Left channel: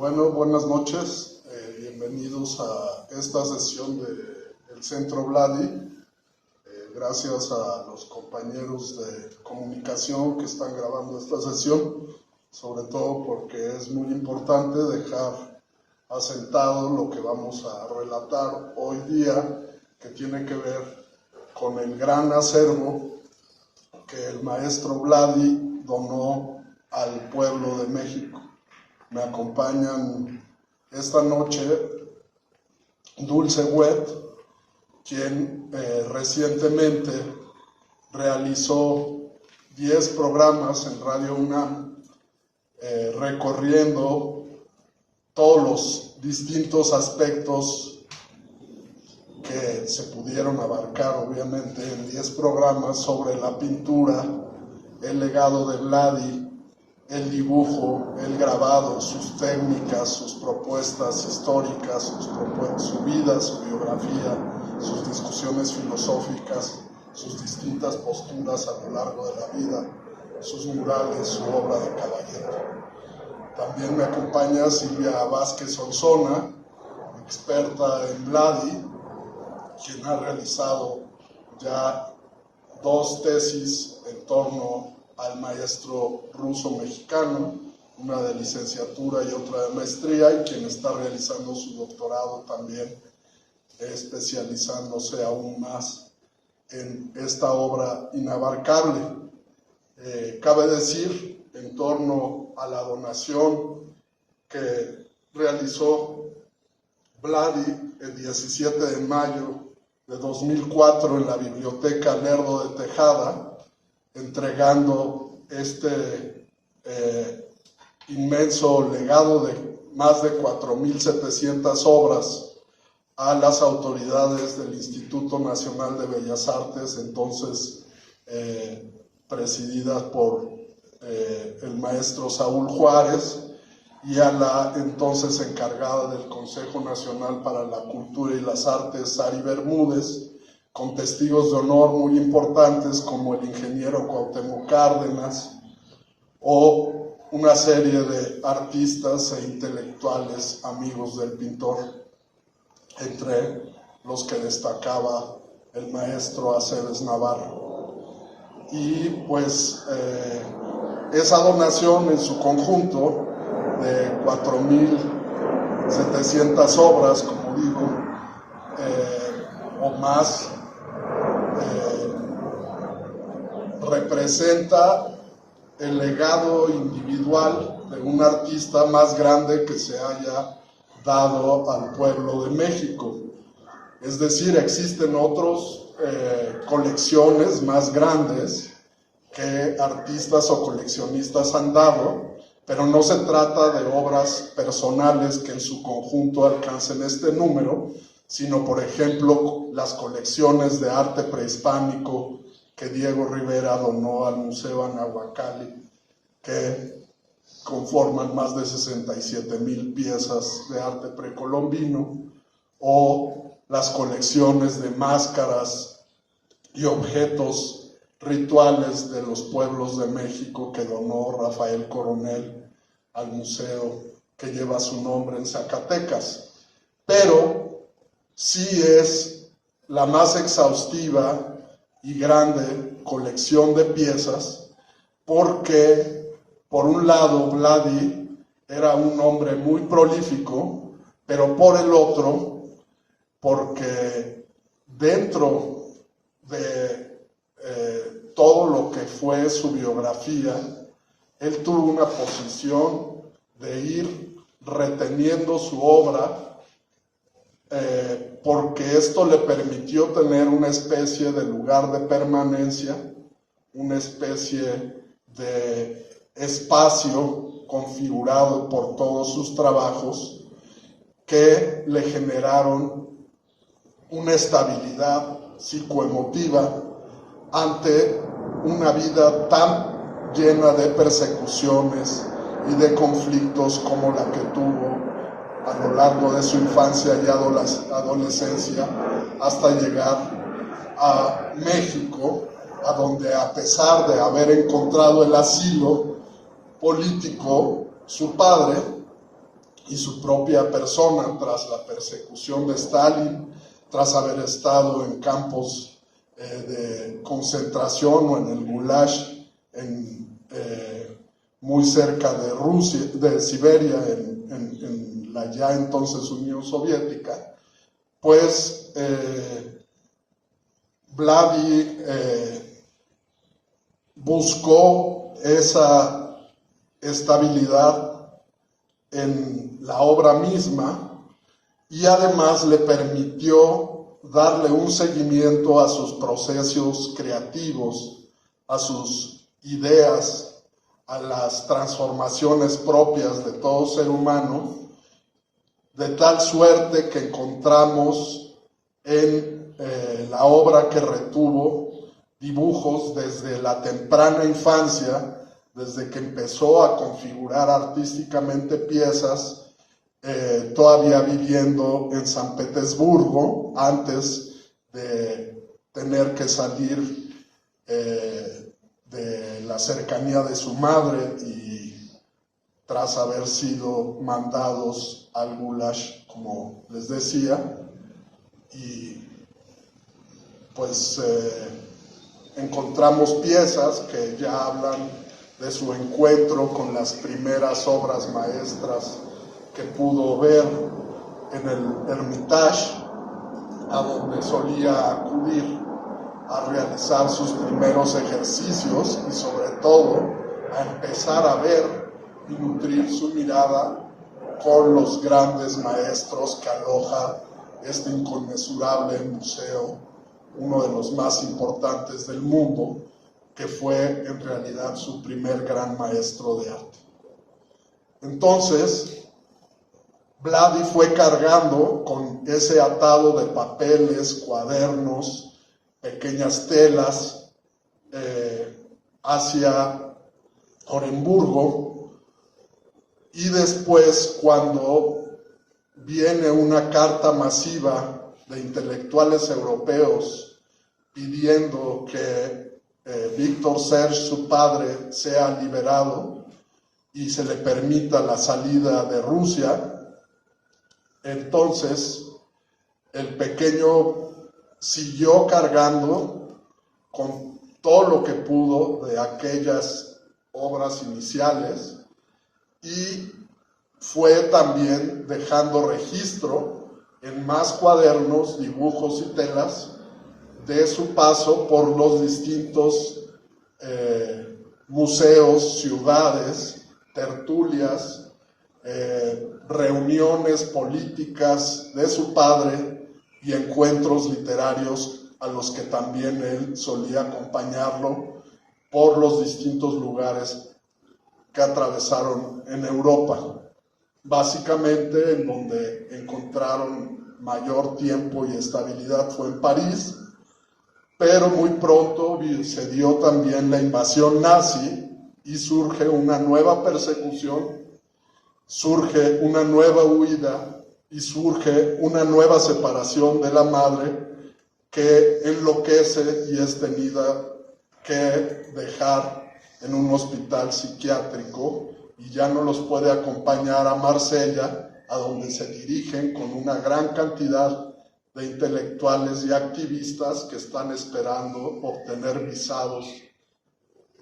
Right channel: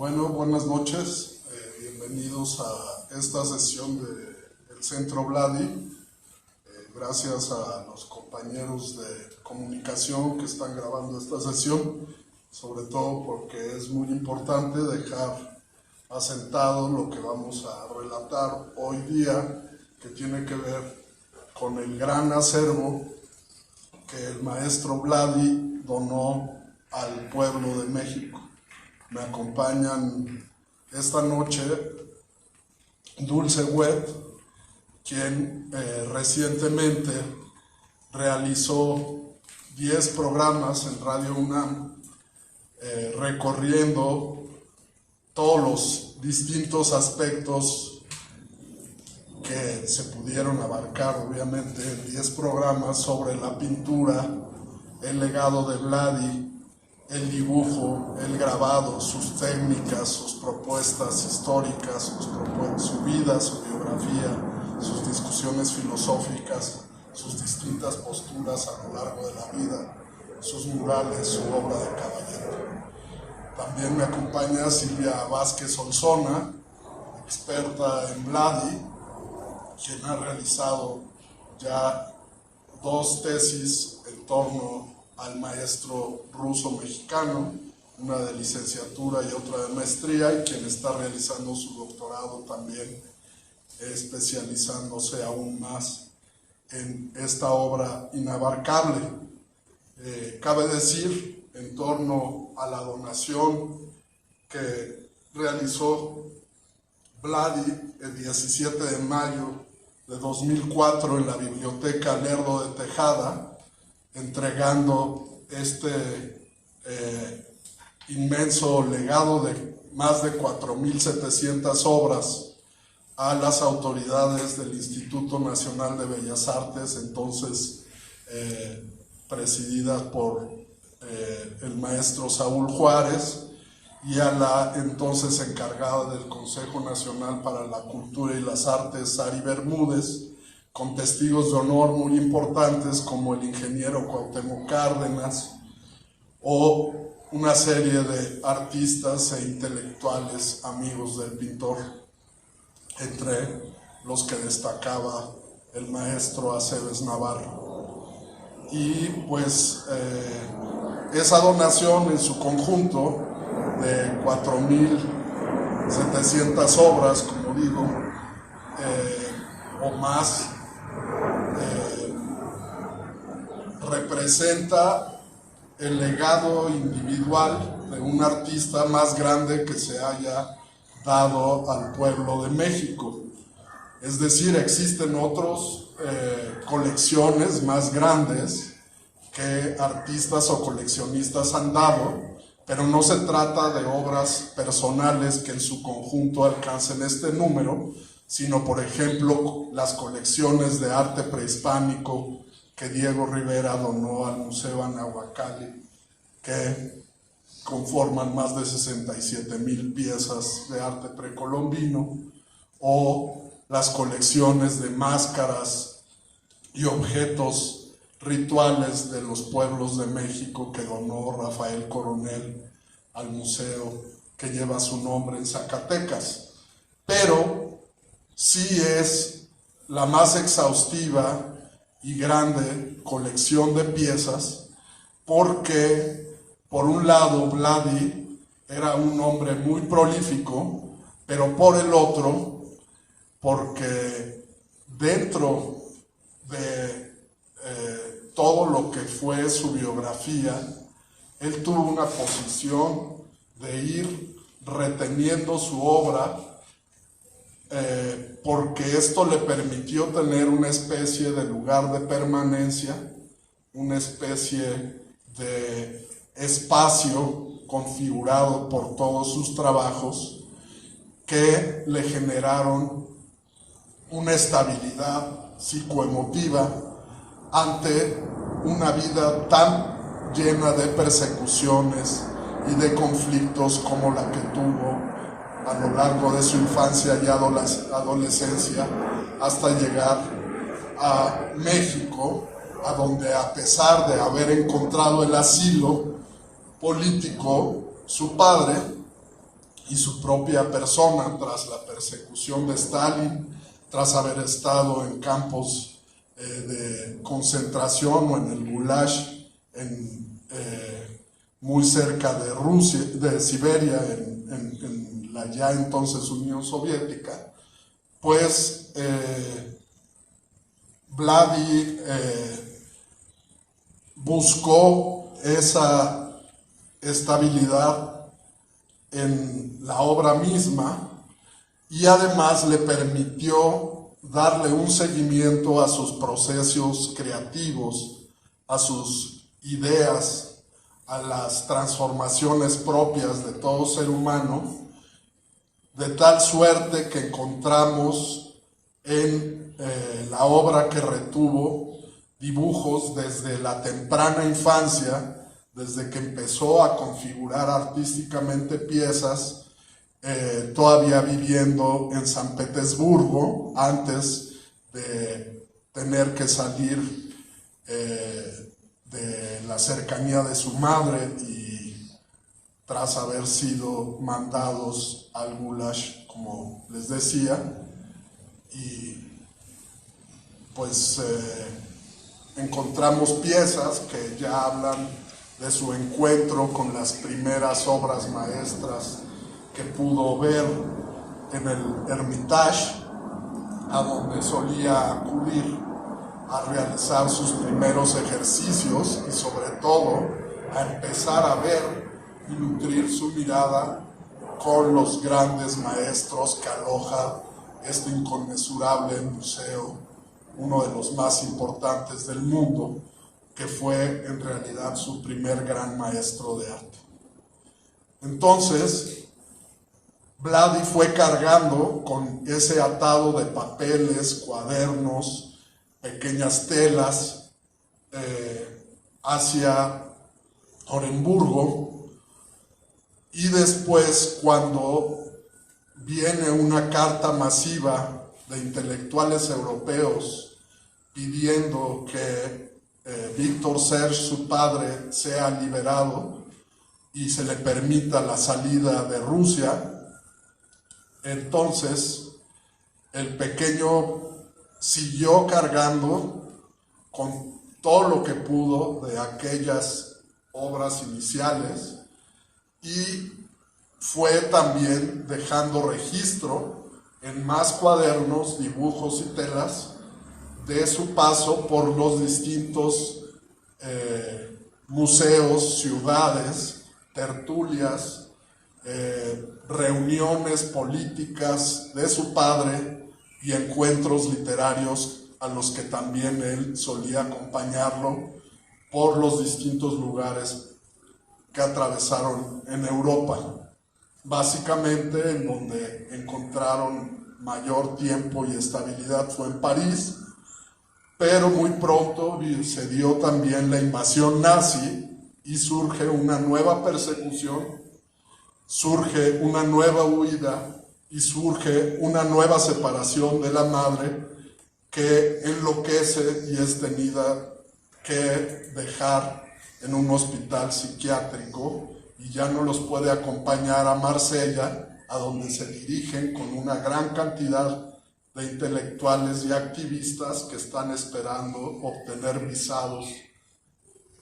Bueno, buenas noches. Bienvenidos a esta sesión del Centro Vladi. Gracias a los compañeros de comunicación que están grabando esta sesión, sobre todo porque es muy importante dejar asentado lo que vamos a relatar hoy día, que tiene que ver con el gran acervo que el maestro Vladi donó al pueblo de México. Me acompañan esta noche Dulce Wet, quien recientemente realizó 10 programas en Radio UNAM, recorriendo todos los distintos aspectos que se pudieron abarcar, obviamente, en 10 programas sobre la pintura, el legado de Vladi, el dibujo, el grabado, sus técnicas, sus propuestas históricas, su vida, su biografía, sus discusiones filosóficas, sus distintas posturas a lo largo de la vida, sus murales, su obra de caballero. También me acompaña Silvia Vázquez Olzona, experta en Vladi, quien ha realizado ya 2 tesis en torno al maestro ruso-mexicano, una de licenciatura y otra de maestría, y quien está realizando su doctorado también, especializándose aún más en esta obra inabarcable. Cabe decir, en torno a la donación que realizó Vladi el 17 de mayo de 2004 en la Biblioteca Lerdo de Tejada, entregando este inmenso legado de más de 4.700 obras a las autoridades del Instituto Nacional de Bellas Artes, entonces presididas por el maestro Saúl Juárez, y a la entonces encargada del Consejo Nacional para la Cultura y las Artes, Sari Bermúdez, con testigos de honor muy importantes como el ingeniero Cuauhtémoc Cárdenas o una serie de artistas e intelectuales amigos del pintor, entre los que destacaba el maestro Aceves Navarro. Y pues esa donación en su conjunto de 4.700 obras, como digo, o más, representa el legado individual de un artista más grande que se haya dado al pueblo de México. Es decir, existen otras colecciones más grandes que artistas o coleccionistas han dado, pero no se trata de obras personales que en su conjunto alcancen este número, sino, por ejemplo, las colecciones de arte prehispánico que Diego Rivera donó al Museo Anahuacalli, que conforman más de 67,000 piezas de arte precolombino, o las colecciones de máscaras y objetos rituales de los pueblos de México que donó Rafael Coronel al museo que lleva su nombre en Zacatecas. Pero sí es la más exhaustiva y grande colección de piezas, porque por un lado Vladi era un hombre muy prolífico, pero por el otro, porque dentro de todo lo que fue su biografía, él tuvo una posición de ir reteniendo su obra, porque esto le permitió tener una especie de lugar de permanencia, una especie de espacio configurado por todos sus trabajos que le generaron una estabilidad psicoemotiva ante una vida tan llena de persecuciones y de conflictos como la que tuvo a lo largo de su infancia y adolescencia, hasta llegar a México, a donde, a pesar de haber encontrado el asilo político, su padre y su propia persona tras la persecución de Stalin, tras haber estado en campos de concentración o en el Gulag, muy cerca de Rusia, de Siberia, en la ya entonces Unión Soviética, pues Vladdy buscó esa estabilidad en la obra misma y además le permitió darle un seguimiento a sus procesos creativos, a sus ideas, a las transformaciones propias de todo ser humano, de tal suerte que encontramos en la obra que retuvo dibujos desde la temprana infancia, desde que empezó a configurar artísticamente piezas, todavía viviendo en San Petersburgo, antes de tener que salir de la cercanía de su madre y tras haber sido mandados al Gulag, como les decía, y pues encontramos piezas que ya hablan de su encuentro con las primeras obras maestras que pudo ver en el Hermitage, a donde solía acudir a realizar sus primeros ejercicios y sobre todo a empezar a ver y nutrir su mirada con los grandes maestros que aloja este inconmensurable museo, uno de los más importantes del mundo, que fue en realidad su primer gran maestro de arte. Entonces, Vladdy fue cargando con ese atado de papeles, cuadernos, pequeñas telas hacia Oremburgo, y después, cuando viene una carta masiva de intelectuales europeos pidiendo que Víctor Serge, su padre, sea liberado y se le permita la salida de Rusia, entonces el pequeño siguió cargando con todo lo que pudo de aquellas obras iniciales y fue también dejando registro en más cuadernos, dibujos y telas de su paso por los distintos museos, ciudades, tertulias, reuniones políticas de su padre y encuentros literarios a los que también él solía acompañarlo por los distintos lugares que atravesaron en Europa. Básicamente en donde encontraron mayor tiempo y estabilidad fue en París, pero muy pronto se dio también la invasión nazi y surge una nueva persecución, surge una nueva huida y surge una nueva separación de la madre que enloquece y es tenida que dejar en un hospital psiquiátrico y ya no los puede acompañar a Marsella, a donde se dirigen con una gran cantidad de intelectuales y activistas que están esperando obtener visados,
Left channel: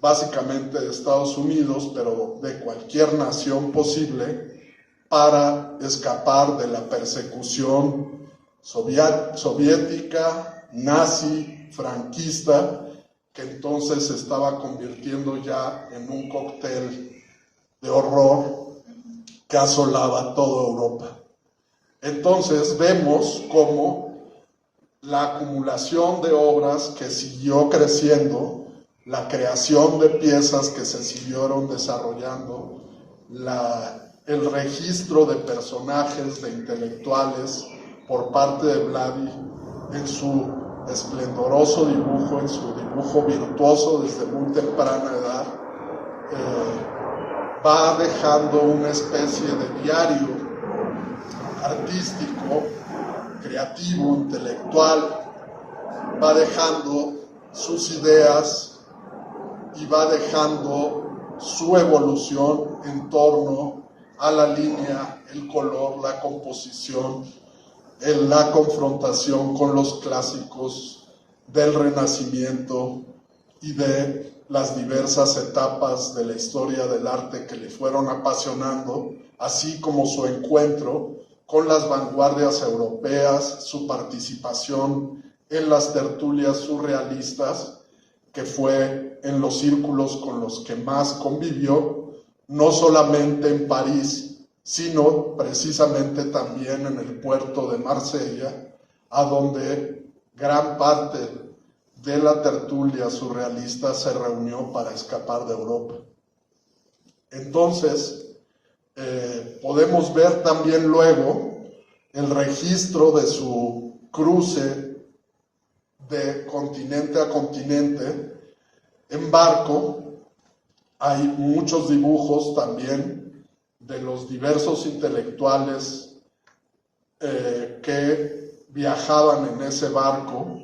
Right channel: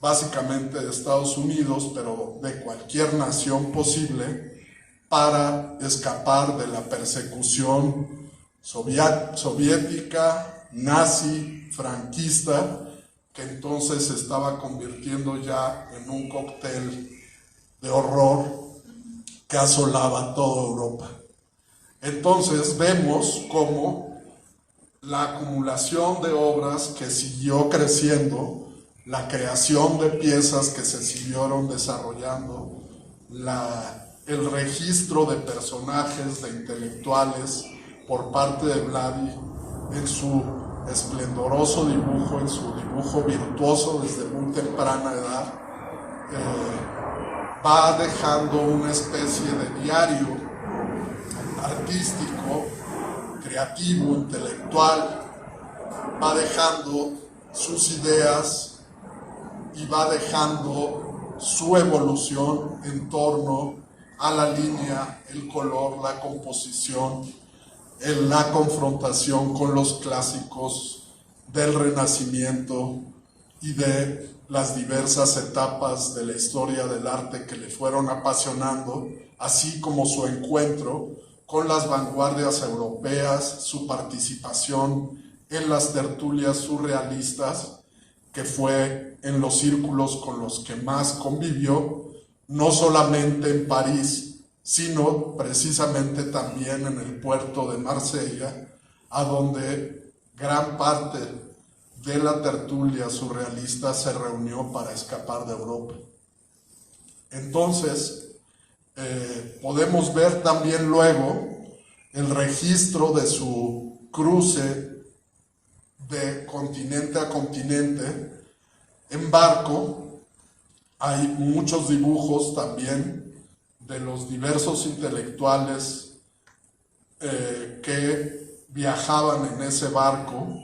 básicamente de Estados Unidos, pero de cualquier nación posible, para escapar de la persecución soviética, nazi, franquista, que entonces se estaba convirtiendo ya en un cóctel de horror que asolaba toda Europa. Entonces vemos cómo la acumulación de obras que siguió creciendo, la creación de piezas que se siguieron desarrollando, el registro de personajes, de intelectuales por parte de Vladdy en su esplendoroso dibujo, en su dibujo virtuoso desde muy temprana edad, va dejando una especie de diario artístico, creativo, intelectual, va dejando sus ideas y va dejando su evolución en torno a la línea, el color, la composición, la confrontación con los clásicos del Renacimiento y de las diversas etapas de la historia del arte que le fueron apasionando, así como su encuentro con las vanguardias europeas, su participación en las tertulias surrealistas, que fue en los círculos con los que más convivió, no solamente en París, sino precisamente también en el puerto de Marsella, a donde gran parte de la tertulia surrealista se reunió para escapar de Europa. Entonces, podemos ver también luego el registro de su cruce de continente a continente en barco. Hay muchos dibujos también de los diversos intelectuales que viajaban en ese barco,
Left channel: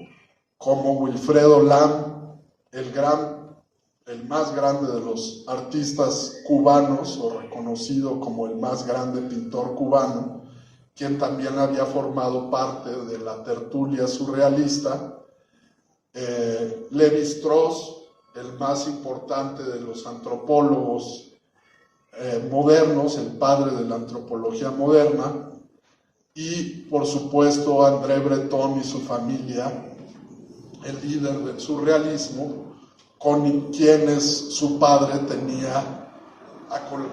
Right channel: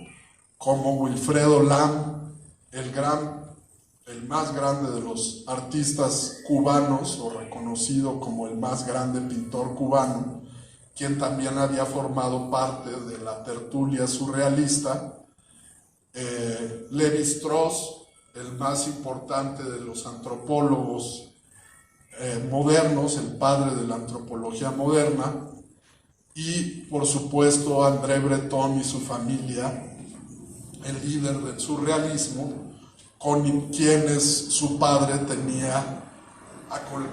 como Wilfredo Lam, el más grande de los artistas cubanos, o reconocido como el más grande pintor cubano, quien también había formado parte de la tertulia surrealista. Lévi-Strauss, el más importante de los antropólogos modernos, el padre de la antropología moderna, y por supuesto André Breton y su familia, el líder del surrealismo, con quienes su padre tenía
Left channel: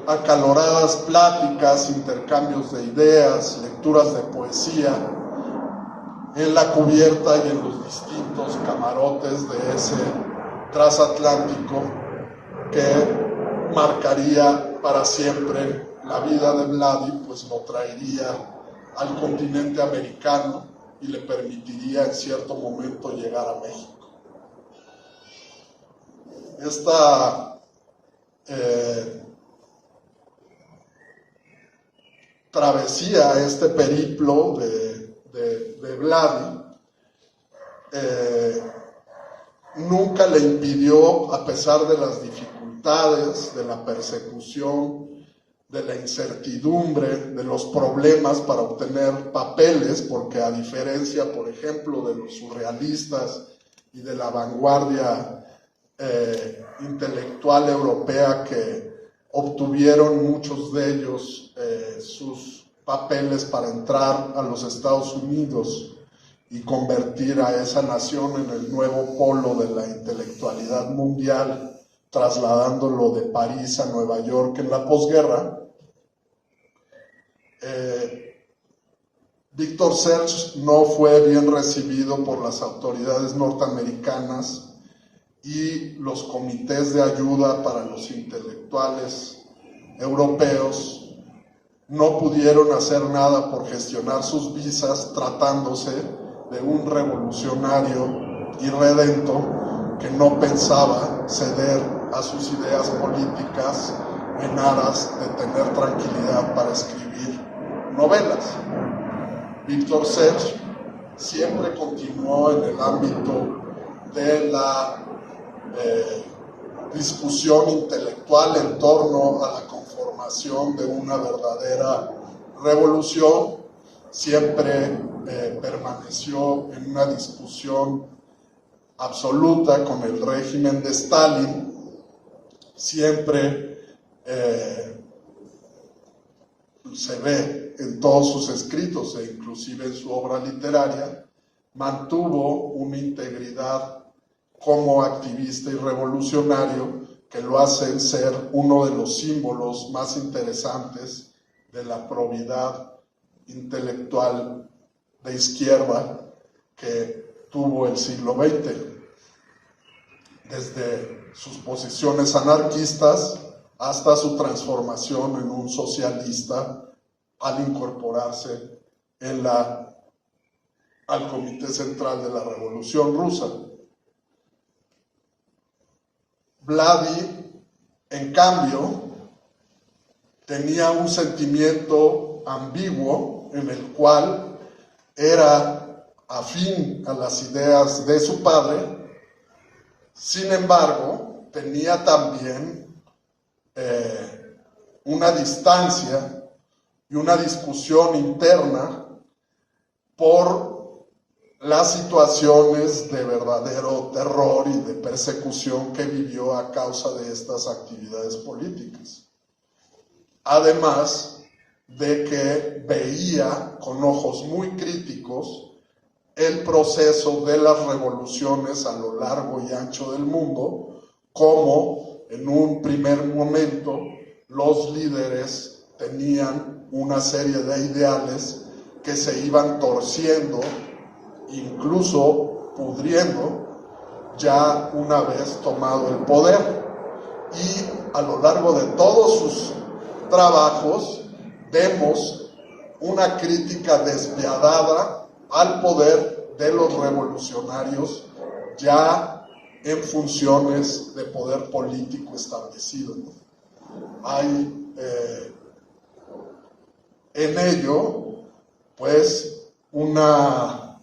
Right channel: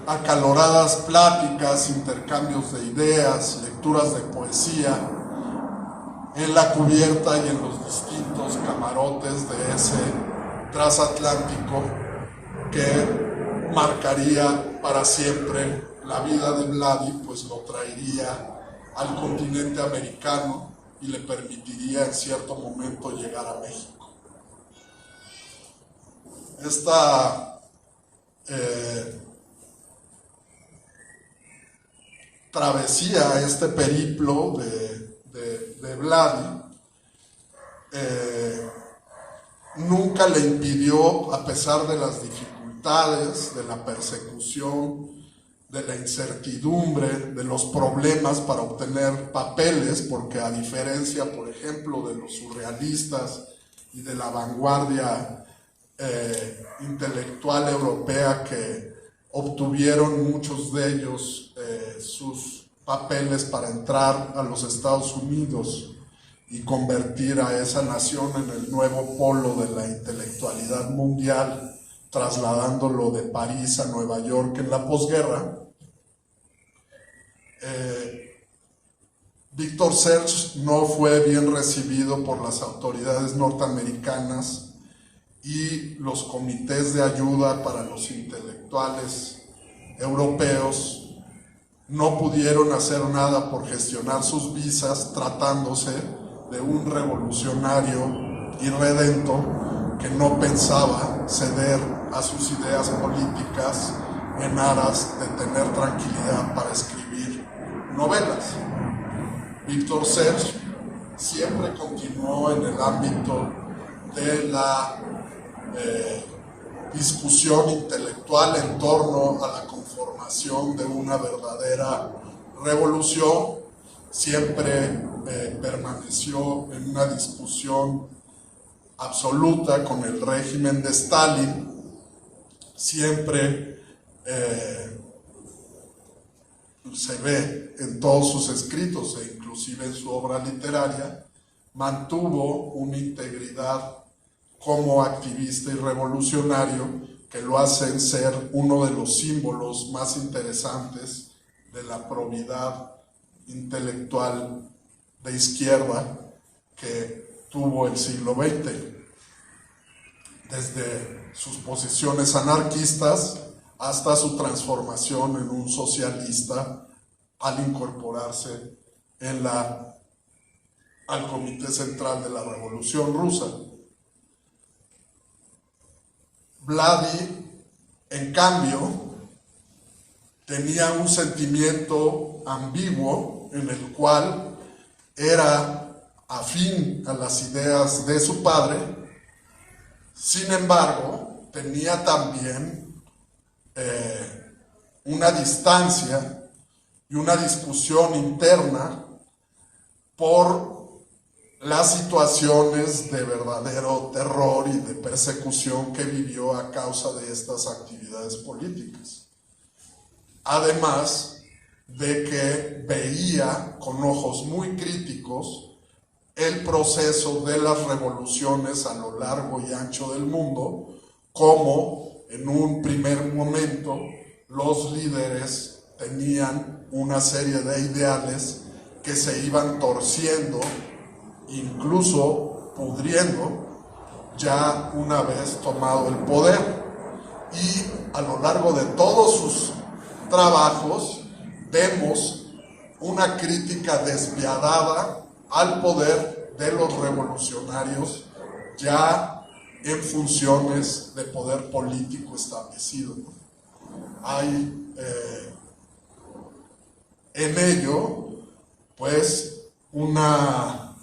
acaloradas pláticas, intercambios de ideas, lecturas de poesía, en la cubierta y en los distintos camarotes de ese transatlántico que marcaría para siempre la vida de Vladi, pues lo traería al continente americano y le permitiría en cierto momento llegar a México. Esta travesía, este periplo de Vladi, nunca le impidió, a pesar de las dificultades, de la persecución, de la incertidumbre, de los problemas para obtener papeles, porque a diferencia, por ejemplo, de los surrealistas y de la vanguardia intelectual europea, que obtuvieron muchos de ellos sus papeles para entrar a los Estados Unidos y convertir a esa nación en el nuevo polo de la intelectualidad mundial, trasladándolo de París a Nueva York en la posguerra. Victor Serge no fue bien recibido por las autoridades norteamericanas y los comités de ayuda para los intelectuales europeos no pudieron hacer nada por gestionar sus visas, tratándose de un revolucionario irredento que no pensaba ceder a sus ideas políticas en aras de tener tranquilidad para escribir novelas. Víctor Serge siempre continuó en el ámbito de la discusión intelectual en torno a la conformación de una verdadera revolución. Siempre permaneció en una discusión absoluta con el régimen de Stalin. Siempre se ve en todos sus escritos e inclusive en su obra literaria, mantuvo una integridad como activista y revolucionario que lo hacen ser uno de los símbolos más interesantes de la probidad intelectual de izquierda que tuvo el siglo XX, desde sus posiciones anarquistas hasta su transformación en un socialista al incorporarse al Comité Central de la Revolución Rusa. Vladi, en cambio, tenía un sentimiento ambiguo en el cual era afín a las ideas de su padre. Sin embargo, tenía también una distancia y una discusión interna por las situaciones de verdadero terror y de persecución que vivió a causa de estas actividades políticas. Además de que veía con ojos muy críticos el proceso de las revoluciones a lo largo y ancho del mundo, como en un primer momento los líderes tenían una serie de ideales que se iban torciendo, incluso pudriendo, ya una vez tomado el poder. Y a lo largo de todos sus trabajos vemos una crítica despiadada al poder de los revolucionarios ya en funciones de poder político establecido, ¿no? Hay en ello pues una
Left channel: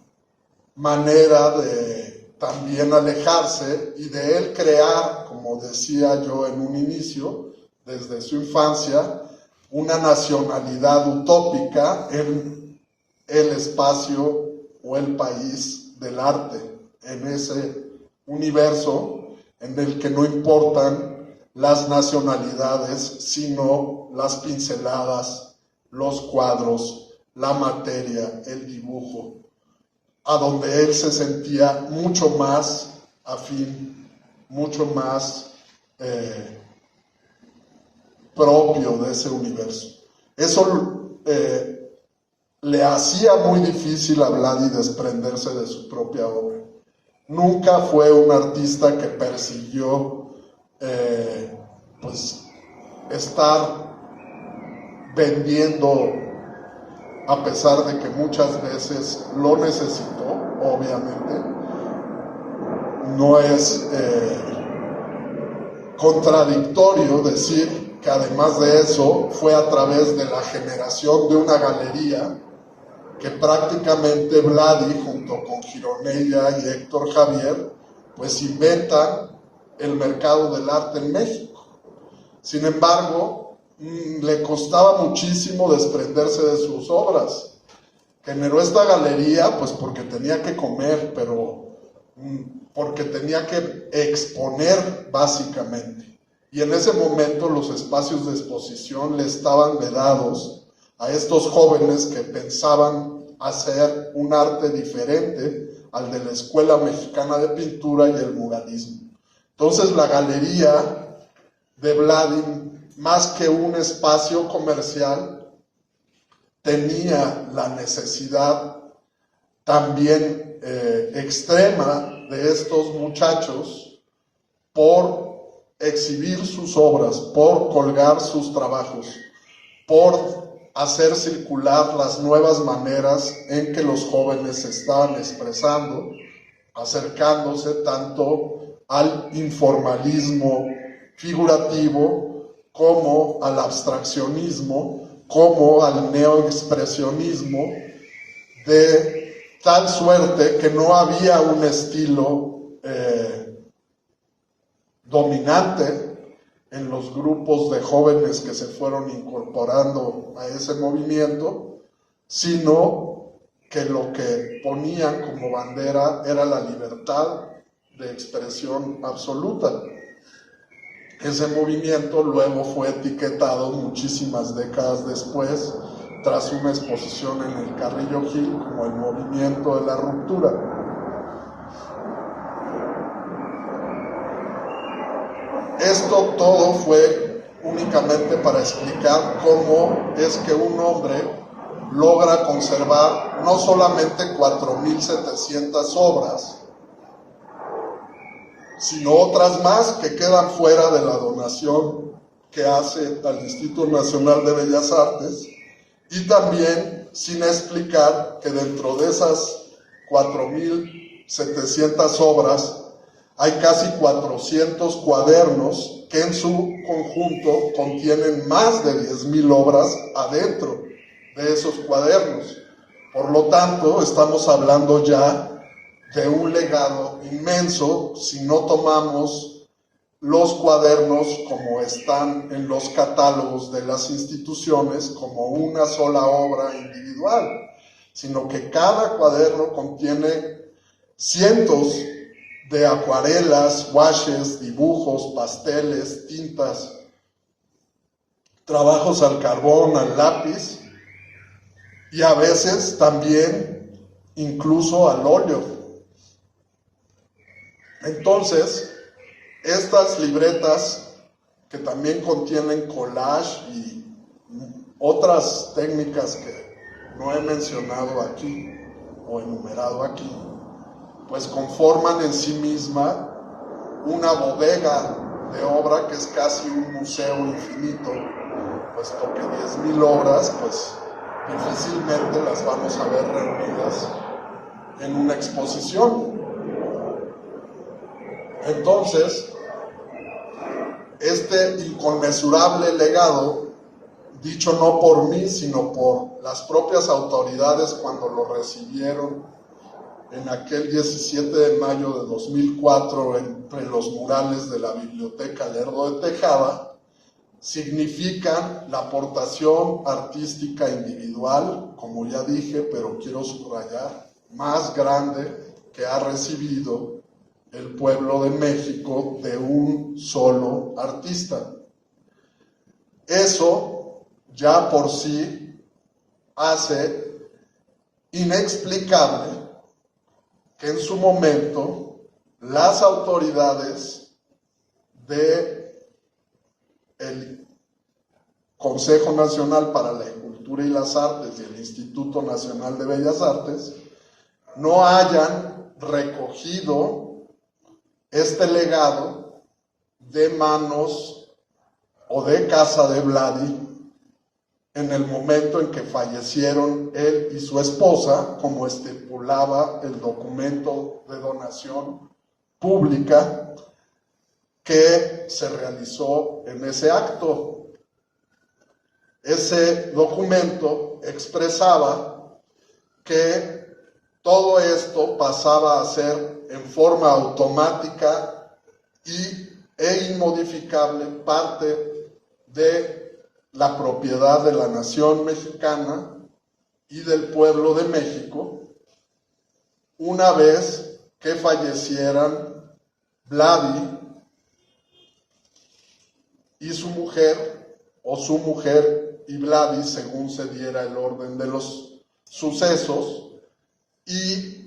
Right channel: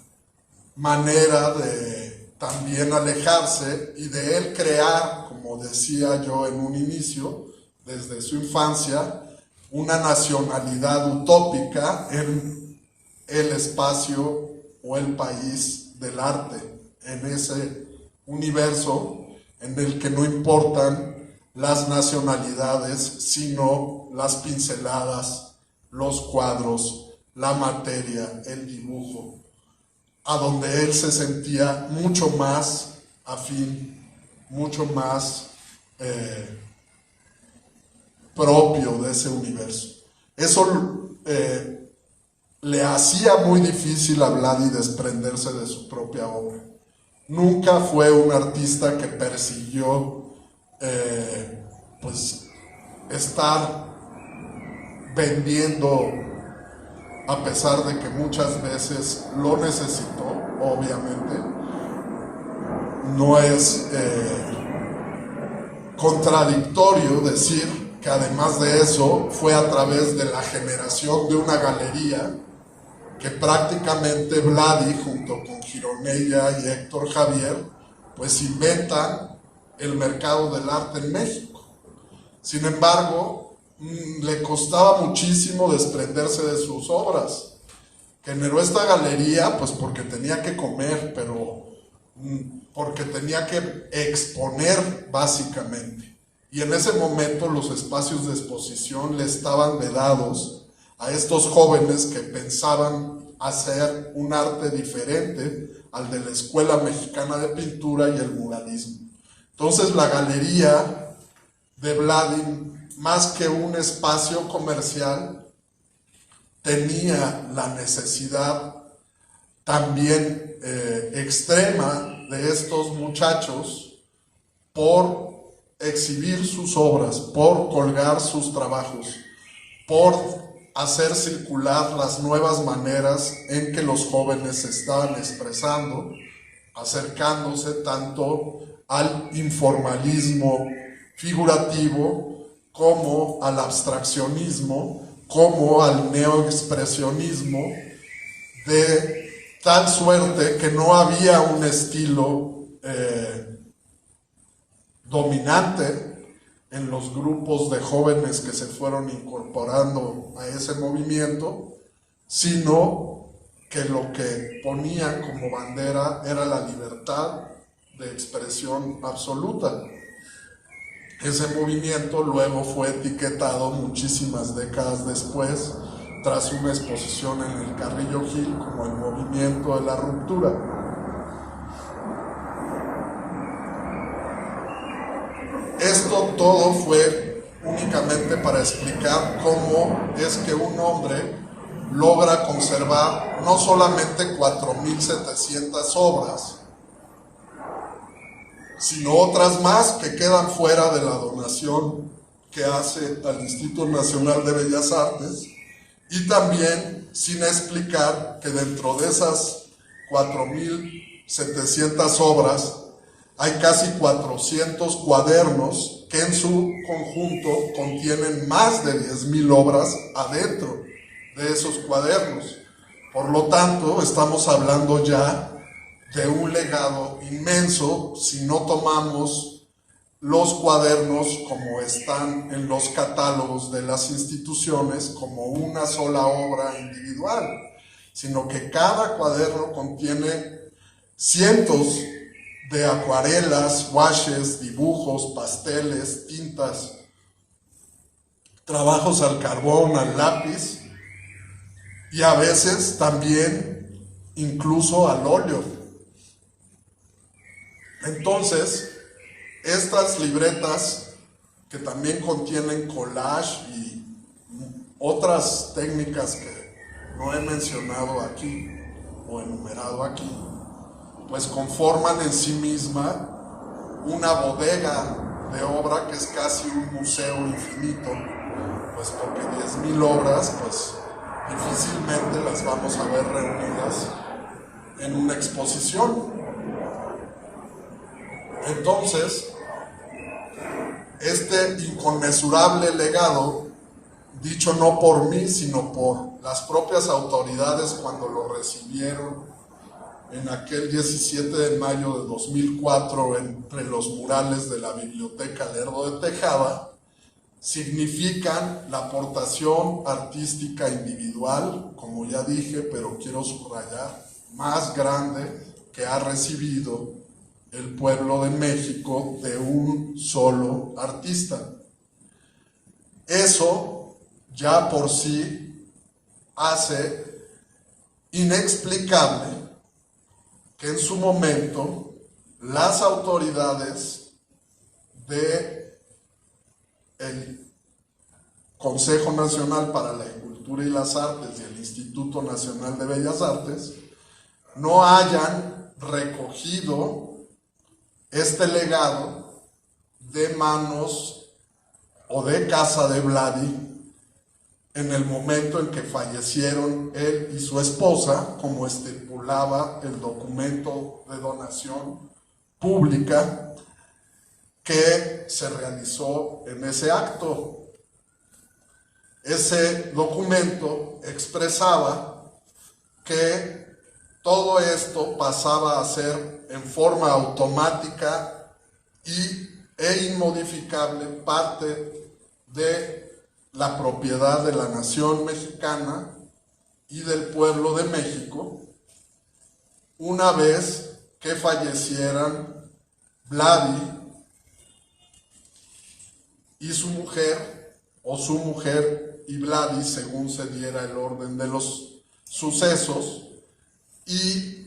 manera de también alejarse y de él crear, como decía yo en un inicio, desde su infancia, una nacionalidad utópica en el espacio o el país del arte, en ese universo en el que no importan las nacionalidades, sino las pinceladas, los cuadros, la materia, el dibujo, a donde él se sentía mucho más afín, mucho más propio de ese universo. Eso le hacía muy difícil a Vladi desprenderse de su propia obra. Nunca fue un artista que persiguió pues estar vendiendo, a pesar de que muchas veces lo necesitó, obviamente. No es contradictorio decir que además de eso fue a través de la generación de una galería que prácticamente Vladi, junto con Gironella y Héctor Javier, pues inventan el mercado del arte en México. Sin embargo, le costaba muchísimo desprenderse de sus obras. Generó esta galería pues porque tenía que comer, pero porque tenía que exponer básicamente. Y en ese momento los espacios de exposición le estaban vedados a estos jóvenes que pensaban hacer un arte diferente al de la Escuela Mexicana de Pintura y el muralismo. Entonces la galería de Vladi, más que un espacio comercial, tenía la necesidad también extrema de estos muchachos por exhibir sus obras, por colgar sus trabajos, por hacer circular las nuevas maneras en que los jóvenes se estaban expresando, acercándose tanto al informalismo figurativo como al abstraccionismo, como al neoexpresionismo, de tal suerte que no había un estilo dominante en los grupos de jóvenes que se fueron incorporando a ese movimiento, sino que lo que ponían como bandera era la libertad de expresión absoluta. Ese movimiento luego fue etiquetado muchísimas décadas después, tras una exposición en el Carrillo Gil, como el movimiento de la ruptura. Esto todo fue únicamente para explicar cómo es que un hombre logra conservar no solamente 4.700 obras, sino otras más que quedan fuera de la donación que hace al Instituto Nacional de Bellas Artes, y también sin explicar que dentro de esas 4.700 obras hay casi 400 cuadernos que en su conjunto contienen más de 10.000 obras adentro de esos cuadernos. Por lo tanto, estamos hablando ya de un legado inmenso si no tomamos los cuadernos como están en los catálogos de las instituciones como una sola obra individual, sino que cada cuaderno contiene cientos de acuarelas, washes, dibujos, pasteles, tintas, trabajos al carbón, al lápiz y a veces también incluso al óleo. Entonces, estas libretas que también contienen collage y otras técnicas que no he mencionado aquí o enumerado aquí, pues conforman en sí misma una bodega de obra que es casi un museo infinito, pues porque 10,000 obras, pues difícilmente las vamos a ver reunidas en una exposición. Entonces, este inconmensurable legado, dicho no por mí, sino por las propias autoridades cuando lo recibieron en aquel 17 de mayo de 2004 entre los murales de la Biblioteca Lerdo de Tejada, significan la aportación artística individual, como ya dije, pero quiero subrayar, más grande que ha recibido el pueblo de México de un solo artista. Eso ya por sí hace inexplicable que en su momento las autoridades del Consejo Nacional para la Cultura y las Artes y el Instituto Nacional de Bellas Artes no hayan recogido este legado de manos o de casa de Vladi en el momento en que fallecieron él y su esposa, como estipulaba el documento de donación pública que se realizó en ese acto. Ese documento expresaba que todo esto pasaba a ser en forma automática e inmodificable parte de la propiedad de la nación mexicana y del pueblo de México una vez que fallecieran Vladi y su mujer, o su mujer y Vladi, según se diera el orden de los sucesos, y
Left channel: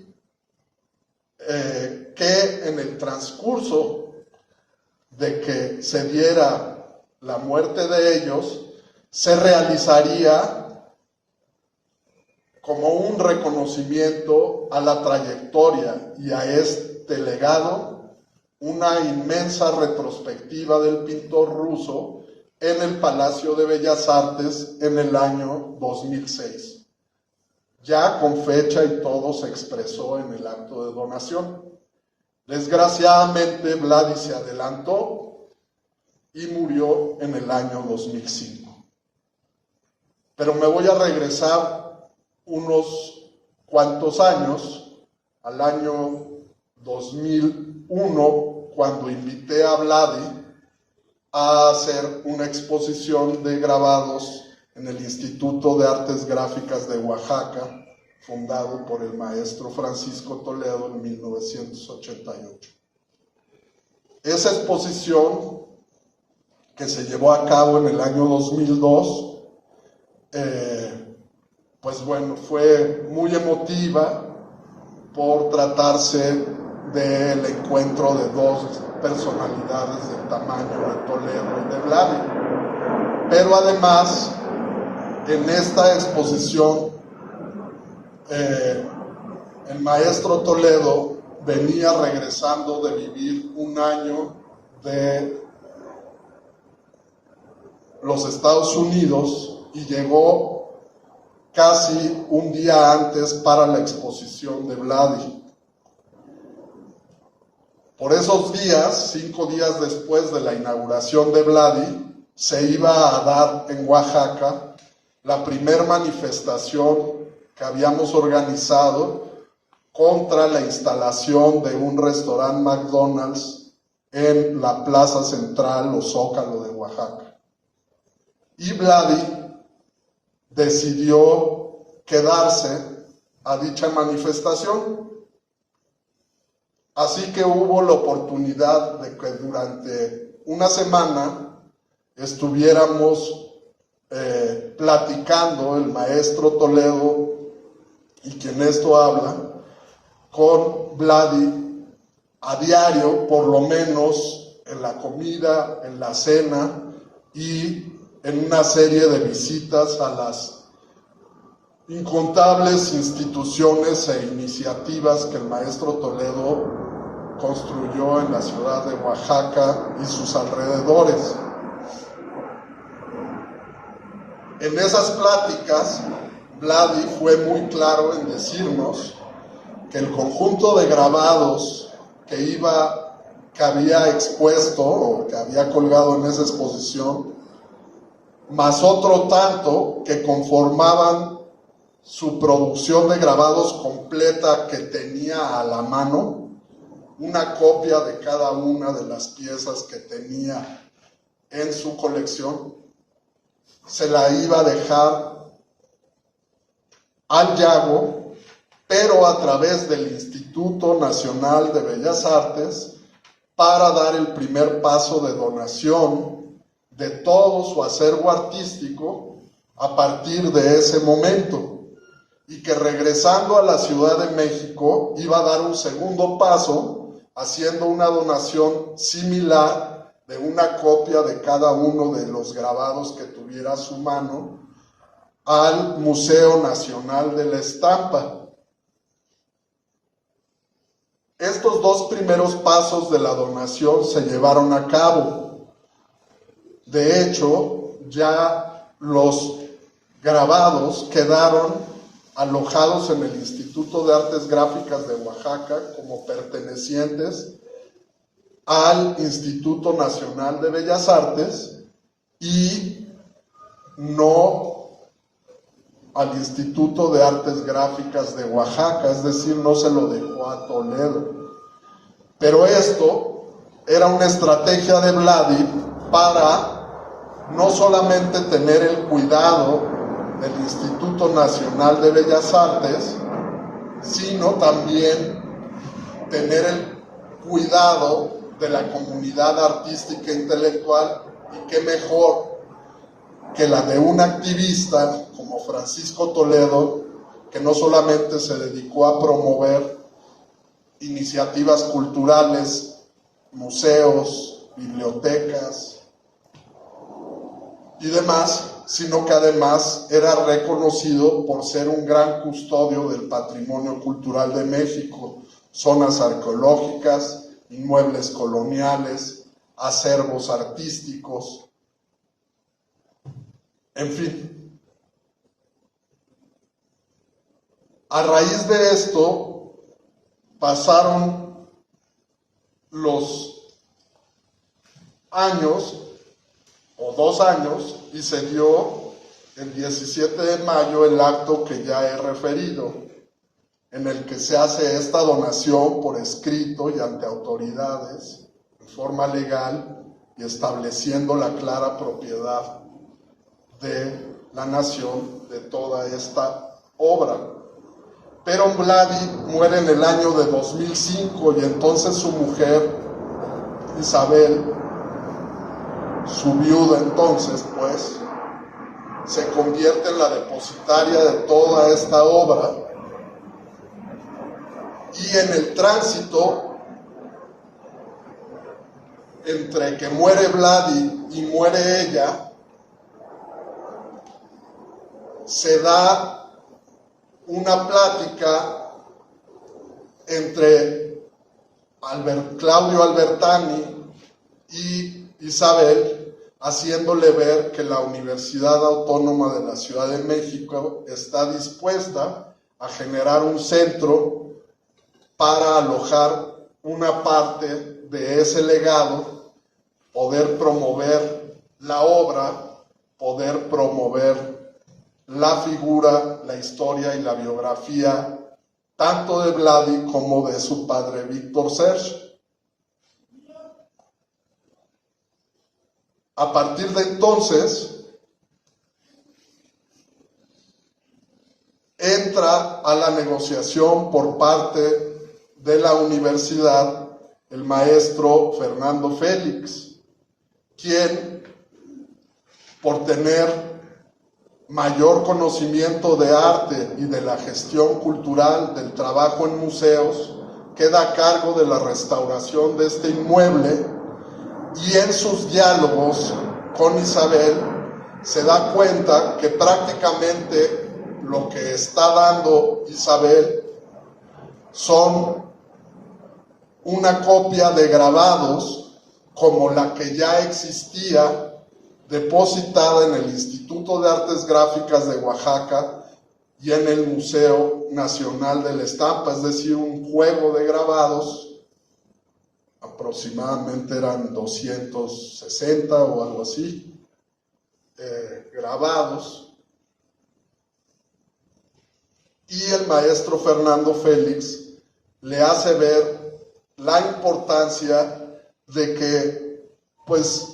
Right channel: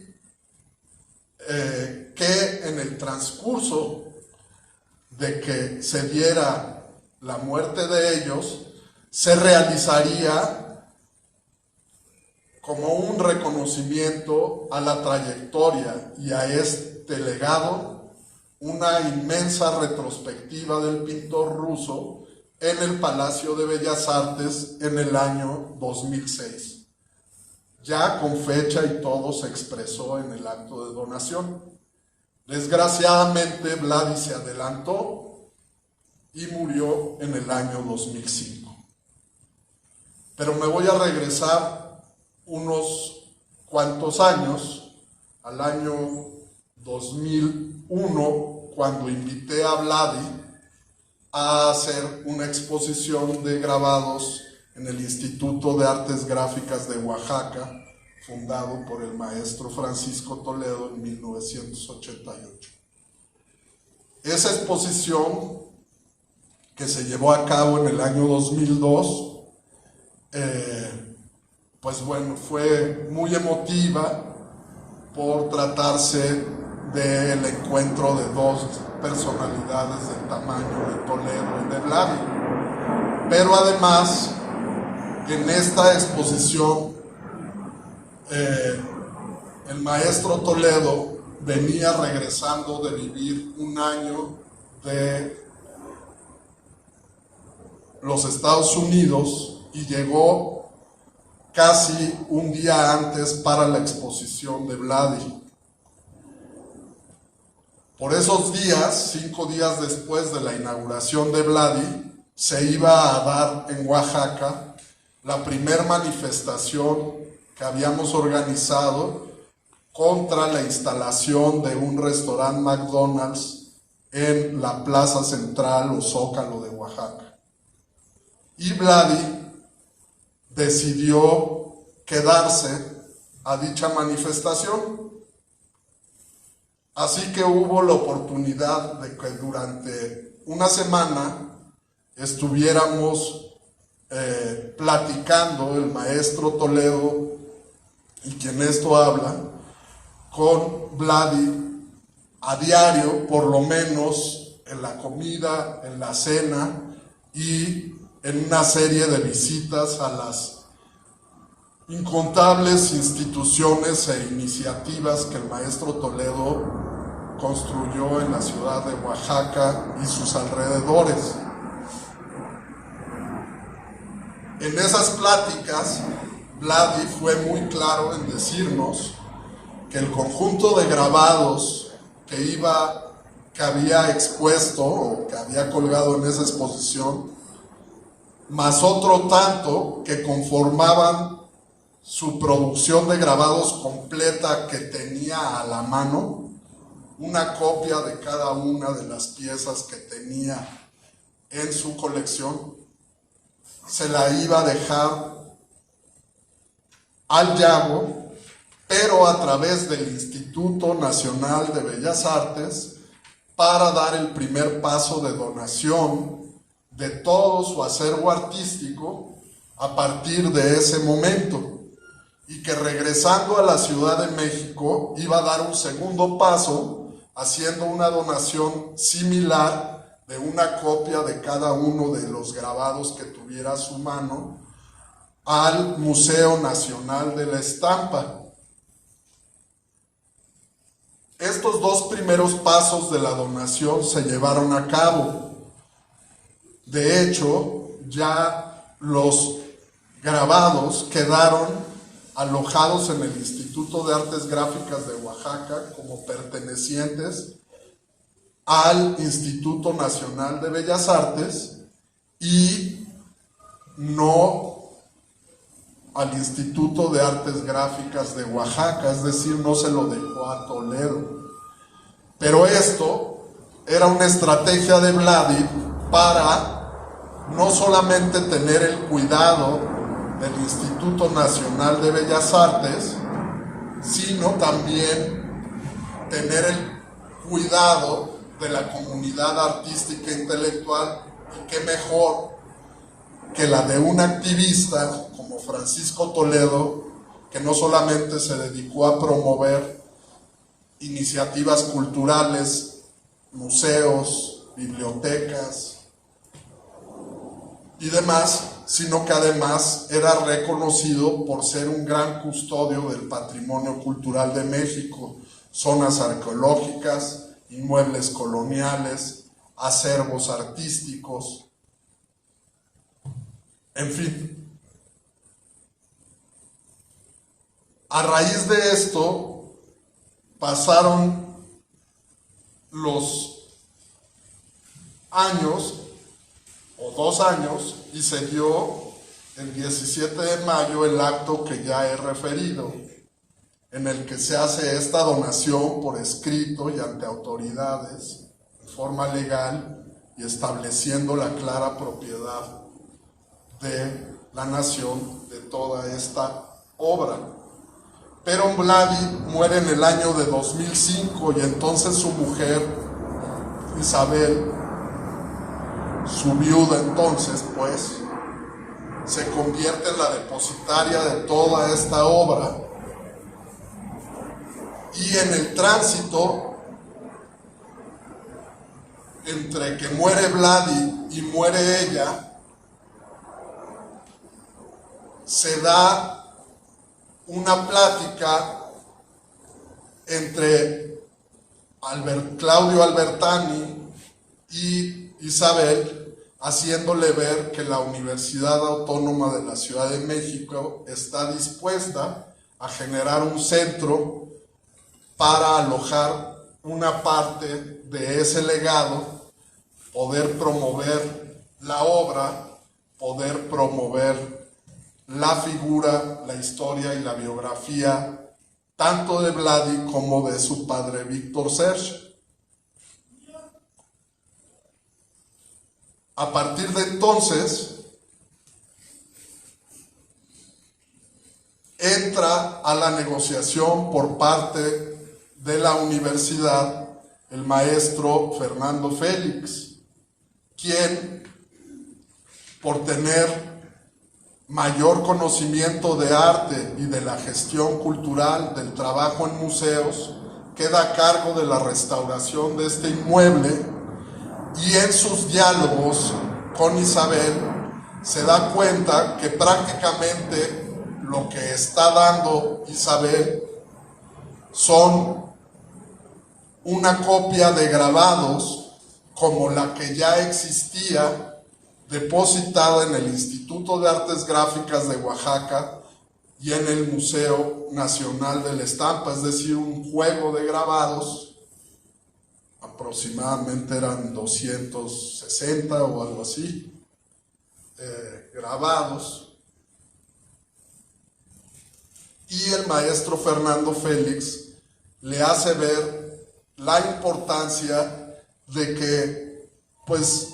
que en el transcurso de que se diera la muerte de ellos, se realizaría como un reconocimiento a la trayectoria y a este legado, una inmensa retrospectiva del pintor ruso en el Palacio de Bellas Artes en el año 2006. Ya con fecha y todo se expresó en el acto de donación. Desgraciadamente, Vladi se adelantó y murió en el año 2005. Pero me voy a regresar unos cuantos años, al año 2001, cuando invité a Vladi a hacer una exposición de grabados en el Instituto de Artes Gráficas de Oaxaca, fundado por el maestro Francisco Toledo en 1988. Esa exposición, que se llevó a cabo en el año 2002, pues bueno, fue muy emotiva por tratarse del encuentro de dos personalidades del tamaño de Toledo y de Vladi. Pero además, en esta exposición, el maestro Toledo venía regresando de vivir un año de los Estados Unidos y llegó casi un día antes para la exposición de Vladi. Por esos días, 5 días después de la inauguración de Vladi, se iba a dar en Oaxaca la primer manifestación que habíamos organizado contra la instalación de un restaurante McDonald's en la plaza central o Zócalo de Oaxaca. Y Vladi decidió quedarse a dicha manifestación. Así que hubo la oportunidad de que durante una semana estuviéramos platicando el maestro Toledo y quien esto habla con Vladi a diario, por lo menos en la comida, en la cena y en una serie de visitas a las incontables instituciones e iniciativas que el maestro Toledo construyó en la ciudad de Oaxaca y sus alrededores. En esas pláticas, Vladi fue muy claro en decirnos que el conjunto de grabados que había expuesto o que había colgado en esa exposición, más otro tanto que conformaban su producción de grabados completa que tenía a la mano, una copia de cada una de las piezas que tenía en su colección, se la iba a dejar al Yago, pero a través del Instituto Nacional de Bellas Artes, para dar el primer paso de donación de todo su acervo artístico a partir de ese momento, y que regresando a la Ciudad de México iba a dar un segundo paso haciendo una donación similar de una copia de cada uno de los grabados que tuviera a su mano al Museo Nacional de la Estampa. Estos dos primeros pasos de la donación se llevaron a cabo. De hecho, ya los grabados quedaron alojados en el Instituto de Artes Gráficas de Oaxaca como pertenecientes al Instituto Nacional de Bellas Artes y no al Instituto de Artes Gráficas de Oaxaca, es decir, no se lo dejó a Toledo. Pero esto era una estrategia de Vladi para no solamente tener el cuidado del Instituto Nacional de Bellas Artes, sino también tener el cuidado de la comunidad artística e intelectual, y qué mejor que la de un activista como Francisco Toledo, que no solamente se dedicó a promover iniciativas culturales, museos, bibliotecas y demás, sino que además era reconocido por ser un gran custodio del patrimonio cultural de México, zonas arqueológicas, inmuebles coloniales, acervos artísticos, en fin. A raíz de esto pasaron los años o 2 años y se dio el 17 de mayo el acto que ya he referido, en el que se hace esta donación por escrito y ante autoridades en forma legal y estableciendo la clara propiedad de la nación de toda esta obra. Pero Vladi muere en el año de 2005 y entonces su mujer, Isabel, su viuda entonces, pues, se convierte en la depositaria de toda esta obra, y en el tránsito entre que muere Vladi y muere ella, se da una plática entre Claudio Albertani y Isabel, haciéndole ver que la Universidad Autónoma de la Ciudad de México está dispuesta a generar un centro para alojar una parte de ese legado, poder promover la obra, poder promover la figura, la historia y la biografía, tanto de Vladi como de su padre Víctor Serge. A partir de entonces, entra a la negociación por parte de la universidad el maestro Fernando Félix, quien, por tener mayor conocimiento de arte y de la gestión cultural del trabajo en museos, queda a cargo de la restauración de este inmueble, y en sus diálogos con Isabel se da cuenta que prácticamente lo que está dando Isabel son una copia de grabados como la que ya existía depositada en el Instituto de Artes Gráficas de Oaxaca y en el Museo Nacional de la Estampa, es decir, un juego de grabados, aproximadamente eran 260 o algo así, grabados. Y el maestro Fernando Félix le hace ver la importancia de que, pues,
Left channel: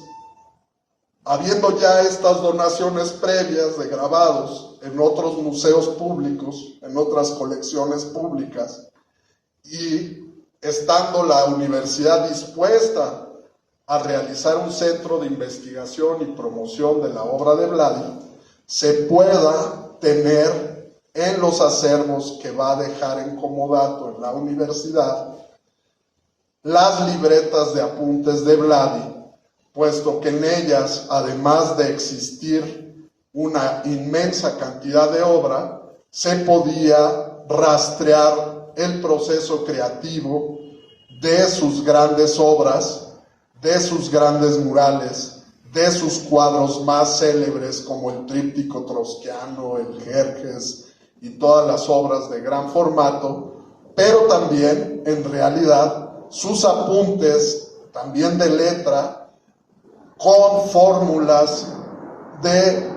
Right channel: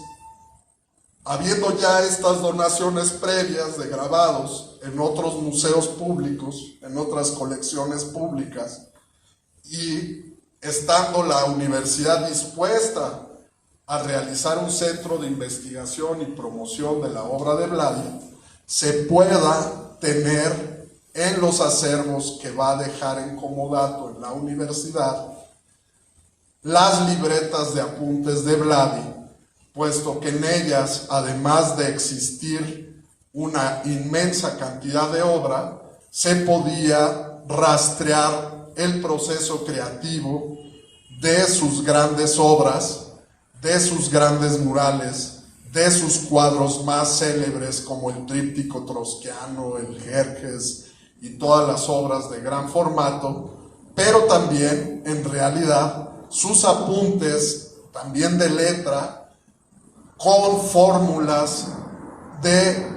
habiendo ya estas donaciones previas de grabados en otros museos públicos, en otras colecciones públicas, y estando la universidad dispuesta a realizar un centro de investigación y promoción de la obra de Vladi, se pueda tener en los acervos que va a dejar en comodato en la universidad las libretas de apuntes de Vladi, puesto que en ellas, además de existir una inmensa cantidad de obra, se podía rastrear el proceso creativo de sus grandes obras, de sus grandes murales, de sus cuadros más célebres como el tríptico trotskiano, el Jerjes y todas las obras de gran formato, pero también, en realidad, sus apuntes, también de letra, con fórmulas de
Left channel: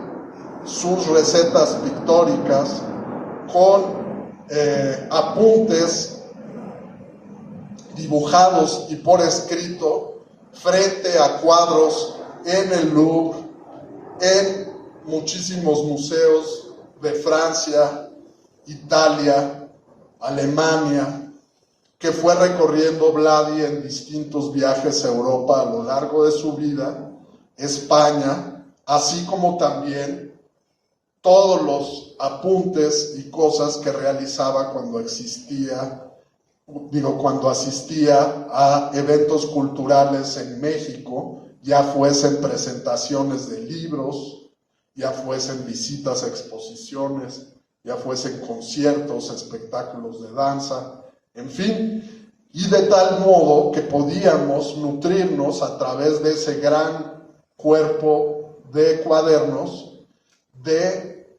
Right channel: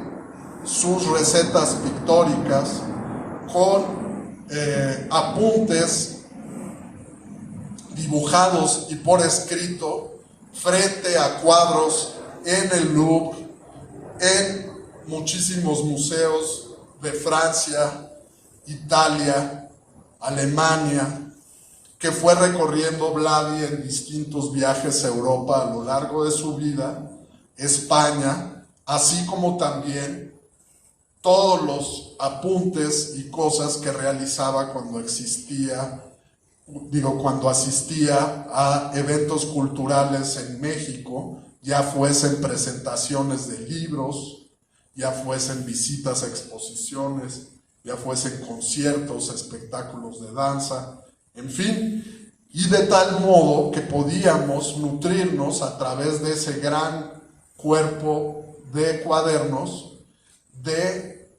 sus recetas pictóricas, con apuntes dibujados y por escrito frente a cuadros en el Louvre, en muchísimos museos de Francia, Italia, Alemania, que fue recorriendo Vladi en distintos viajes a Europa a lo largo de su vida, España, así como también todos los apuntes y cosas que realizaba cuando asistía a eventos culturales en México, ya fuesen presentaciones de libros, ya fuesen visitas a exposiciones, ya fuesen conciertos, espectáculos de danza, en fin, y de tal modo que podíamos nutrirnos a través de ese gran cuerpo de cuadernos de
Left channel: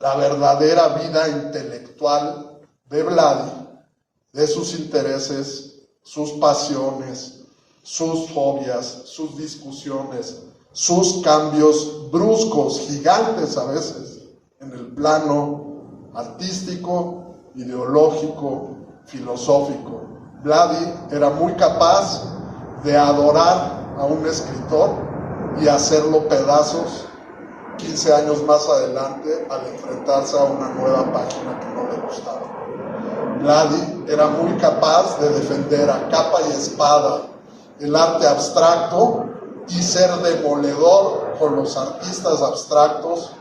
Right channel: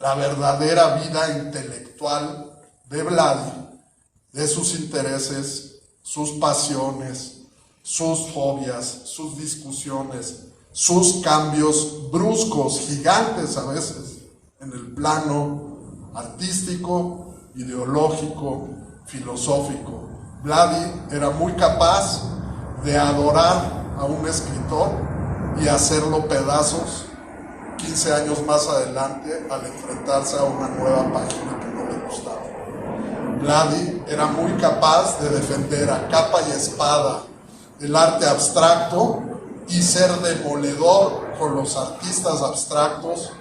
la verdadera vida intelectual de Vladi, de sus intereses, sus pasiones, sus fobias, sus discusiones, sus cambios bruscos, gigantes a veces, en el plano artístico, ideológico, filosófico. Vladi era muy capaz de adorar a un escritor y hacerlo pedazos 15 años más adelante al enfrentarse a una nueva página que no le gustaba. Vladi era muy capaz de defender a capa y espada el arte abstracto y ser demoledor con los artistas abstractos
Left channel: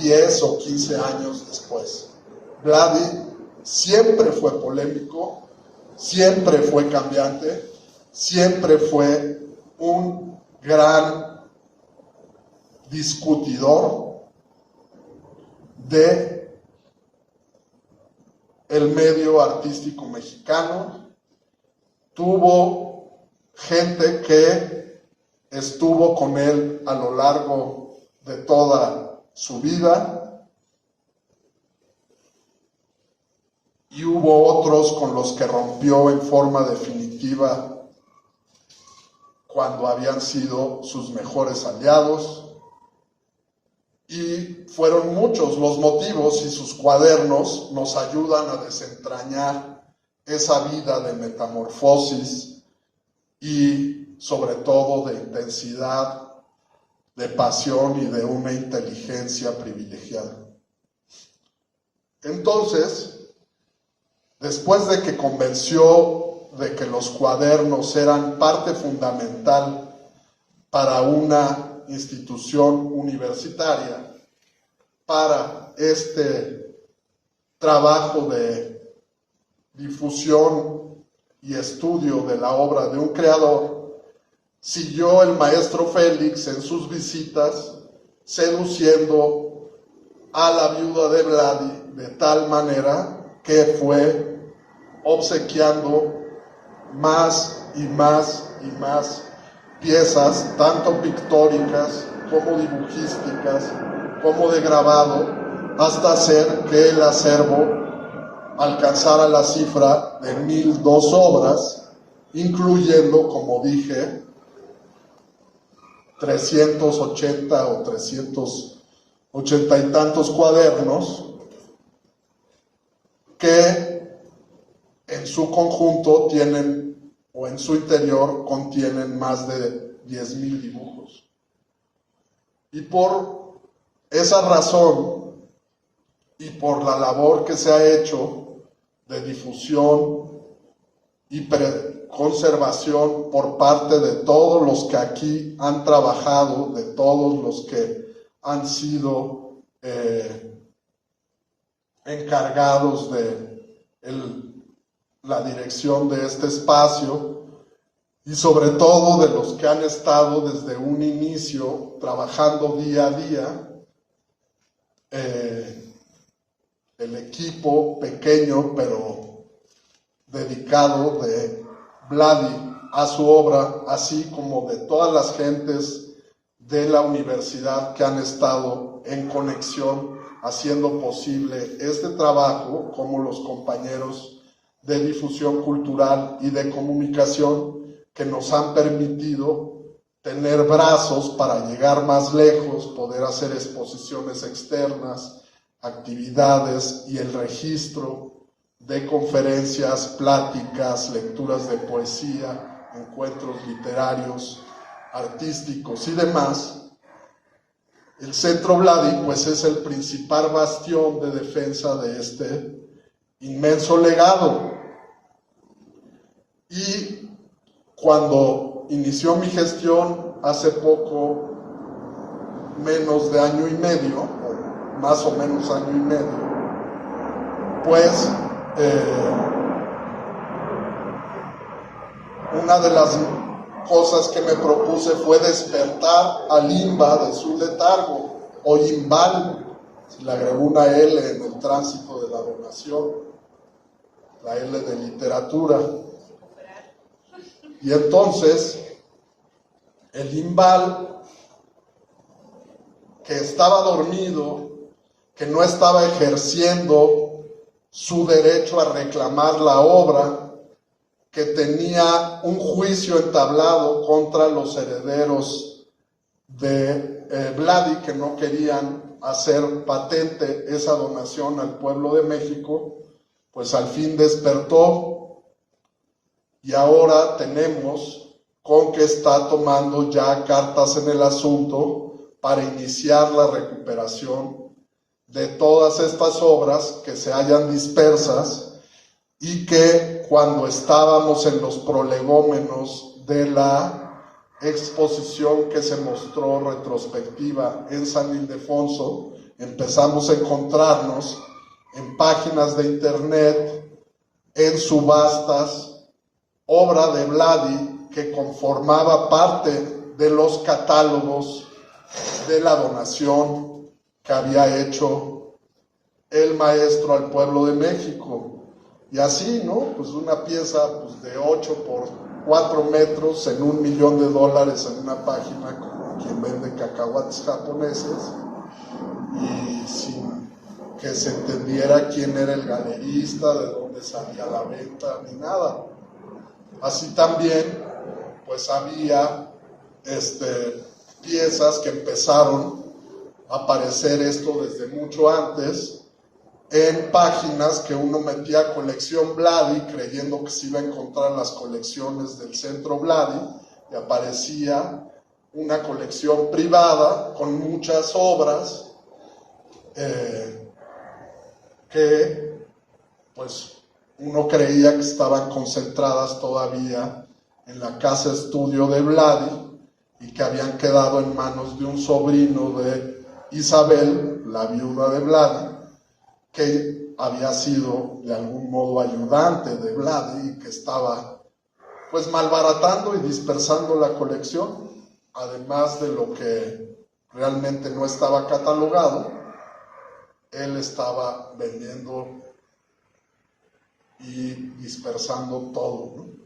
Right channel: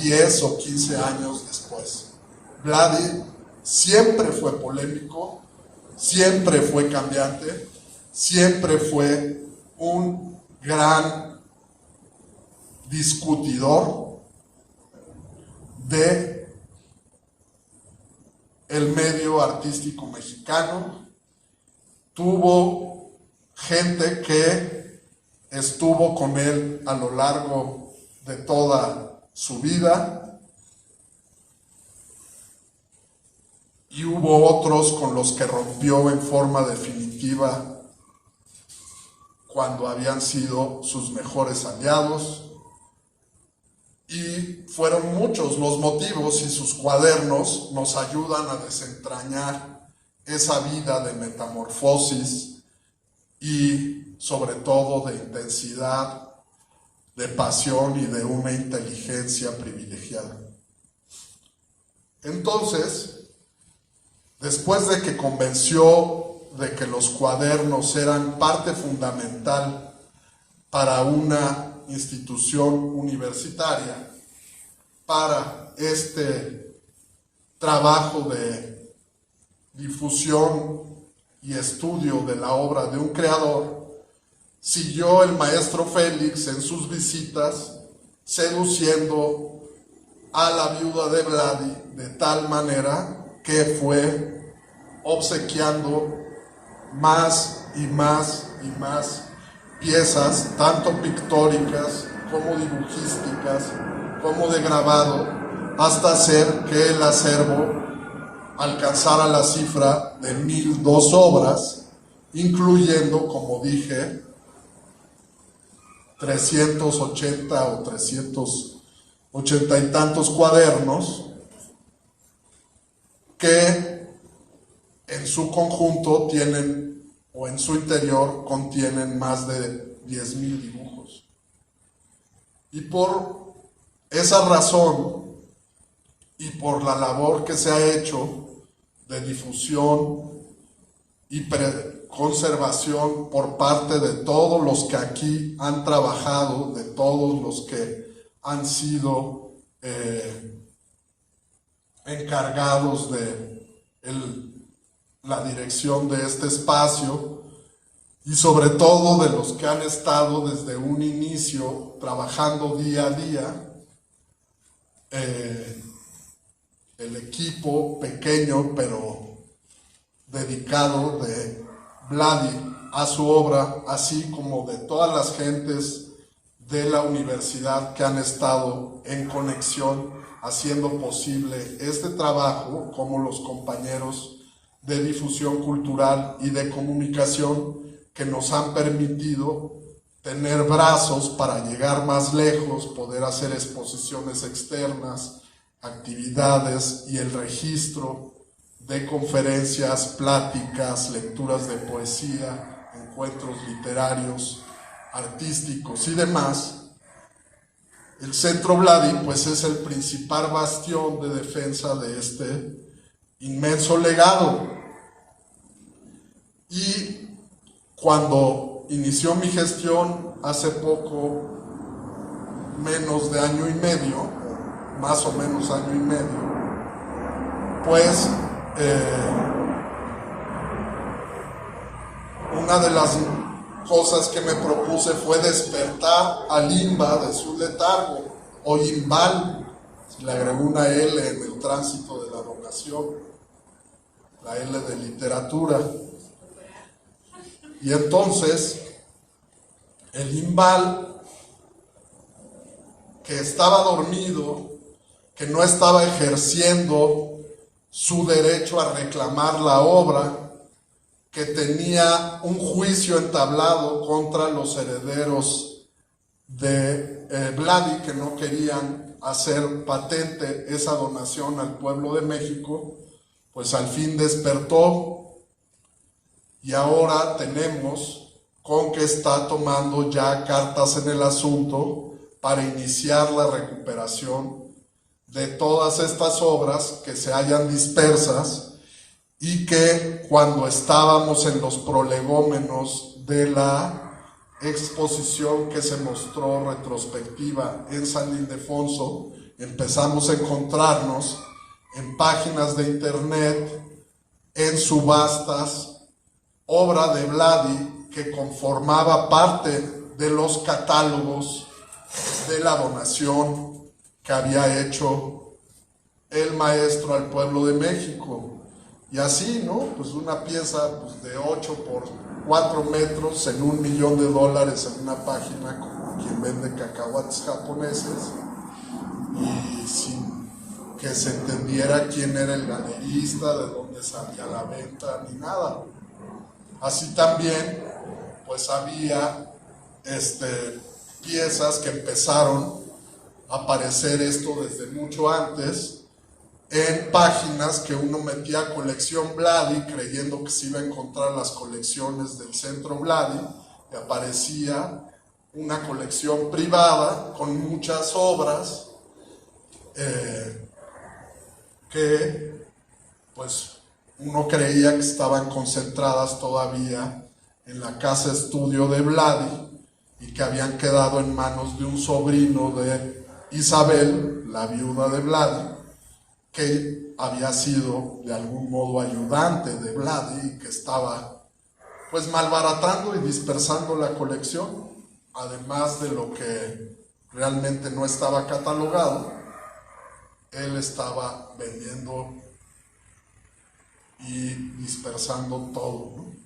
10 o 15 años después. Vladi siempre fue polémico, siempre fue cambiante, siempre fue un gran discutidor de el medio artístico mexicano. Tuvo gente que estuvo con él a lo largo de toda su vida y hubo otros con los que rompió en forma definitiva cuando habían sido sus mejores aliados, y fueron muchos los motivos, y sus cuadernos nos ayudan a desentrañar esa vida de metamorfosis y sobre todo de intensidad de pasión y de una inteligencia privilegiada. Entonces, después de que convenció de que los cuadernos eran parte fundamental para una institución universitaria, para este trabajo de difusión y estudio de la obra de un creador, siguió el maestro Félix en sus visitas, seduciendo a la viuda de Vladi de tal manera que fue obsequiando más y más y más piezas, tanto pictóricas como dibujísticas, como de grabado, hasta hacer que el acervo alcanzara la cifra de 1002 obras, incluyendo, como dije, 380 o 380 y tantos cuadernos que en su conjunto tienen, o en su interior contienen, más de 10,000 dibujos. Y por esa razón y por la labor que se ha hecho de difusión y conservación por parte de todos los que aquí han trabajado, de todos los que han sido encargados de la dirección de este espacio, y sobre todo de los que han estado desde un inicio trabajando día a día, el equipo pequeño pero dedicado de Vladi a su obra, así como de todas las gentes de la universidad que han estado en conexión haciendo posible este trabajo, como los compañeros de difusión cultural y de comunicación que nos han permitido tener brazos para llegar más lejos, poder hacer exposiciones externas, actividades y el registro de conferencias, pláticas, lecturas de poesía, encuentros literarios, artísticos y demás. El Centro Vladi pues es el principal bastión de defensa de este inmenso legado. Y cuando inició mi gestión hace poco, menos de año y medio, o más o menos año y medio, pues una de las cosas que me propuse fue despertar al IMBA de su letargo, o IMBAL, si le agregó una L en el tránsito de la donación, la L de literatura. Y entonces, el IMBAL, que estaba dormido, que no estaba ejerciendo su derecho a reclamar la obra, que tenía un juicio entablado contra los herederos de Vladi, que no querían hacer patente esa donación al pueblo de México, pues al fin despertó. Y ahora tenemos con que está tomando ya cartas en el asunto para iniciar la recuperación de todas estas obras que se hallan dispersas y que cuando estábamos en los prolegómenos de la exposición que se mostró retrospectiva en San Ildefonso, empezamos a encontrarnos en páginas de internet, en subastas, obra de Vladi que conformaba parte de los catálogos de la donación que había hecho el maestro al pueblo de México. Y así, ¿no? Pues una pieza pues, de 8 por 4 metros en $1,000,000 en una página como quien vende cacahuates japoneses, y sin que se entendiera quién era el galerista, de dónde salía la venta, ni nada. Así también, pues había piezas que empezaron a aparecer esto desde mucho antes, en páginas que uno metía colección Vladi, creyendo que se iba a encontrar las colecciones del Centro Vladi, y aparecía una colección privada con muchas obras que pues uno creía que estaban concentradas todavía en la casa estudio de Vladi y que habían quedado en manos de un sobrino de Isabel, la viuda de Vladi, que había sido de algún modo ayudante de Vladi y que estaba pues malbaratando y dispersando la colección, además de lo que realmente no estaba catalogado, él estaba vendiendo y dispersando todo, ¿no?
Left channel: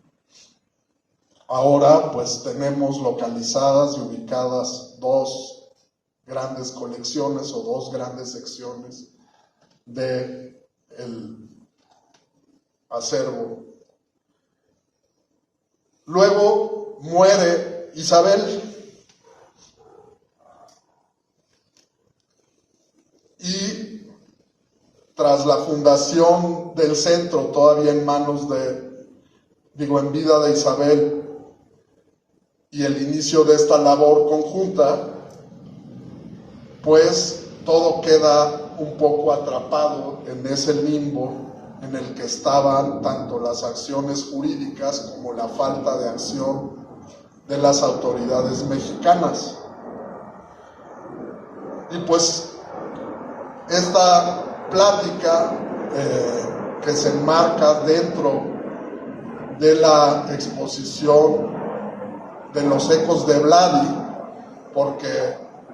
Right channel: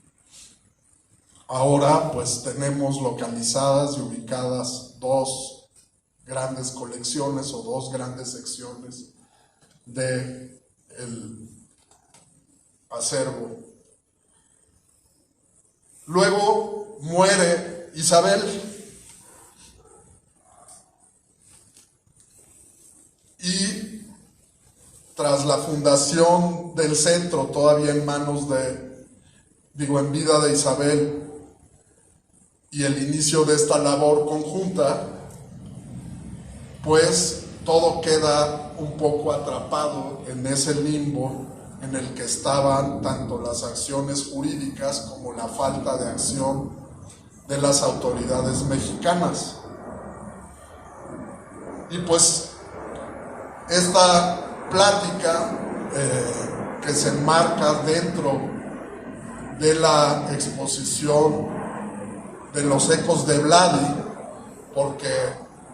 Ahora pues tenemos localizadas y ubicadas dos grandes colecciones o dos grandes secciones del acervo. Luego muere Isabel y tras la fundación del centro, todavía en manos en vida de Isabel, y el inicio de esta labor conjunta, pues todo queda un poco atrapado en ese limbo en el que estaban tanto las acciones jurídicas como la falta de acción de las autoridades mexicanas. Y pues esta plática que se enmarca dentro de la exposición de los ecos de Vladi, porque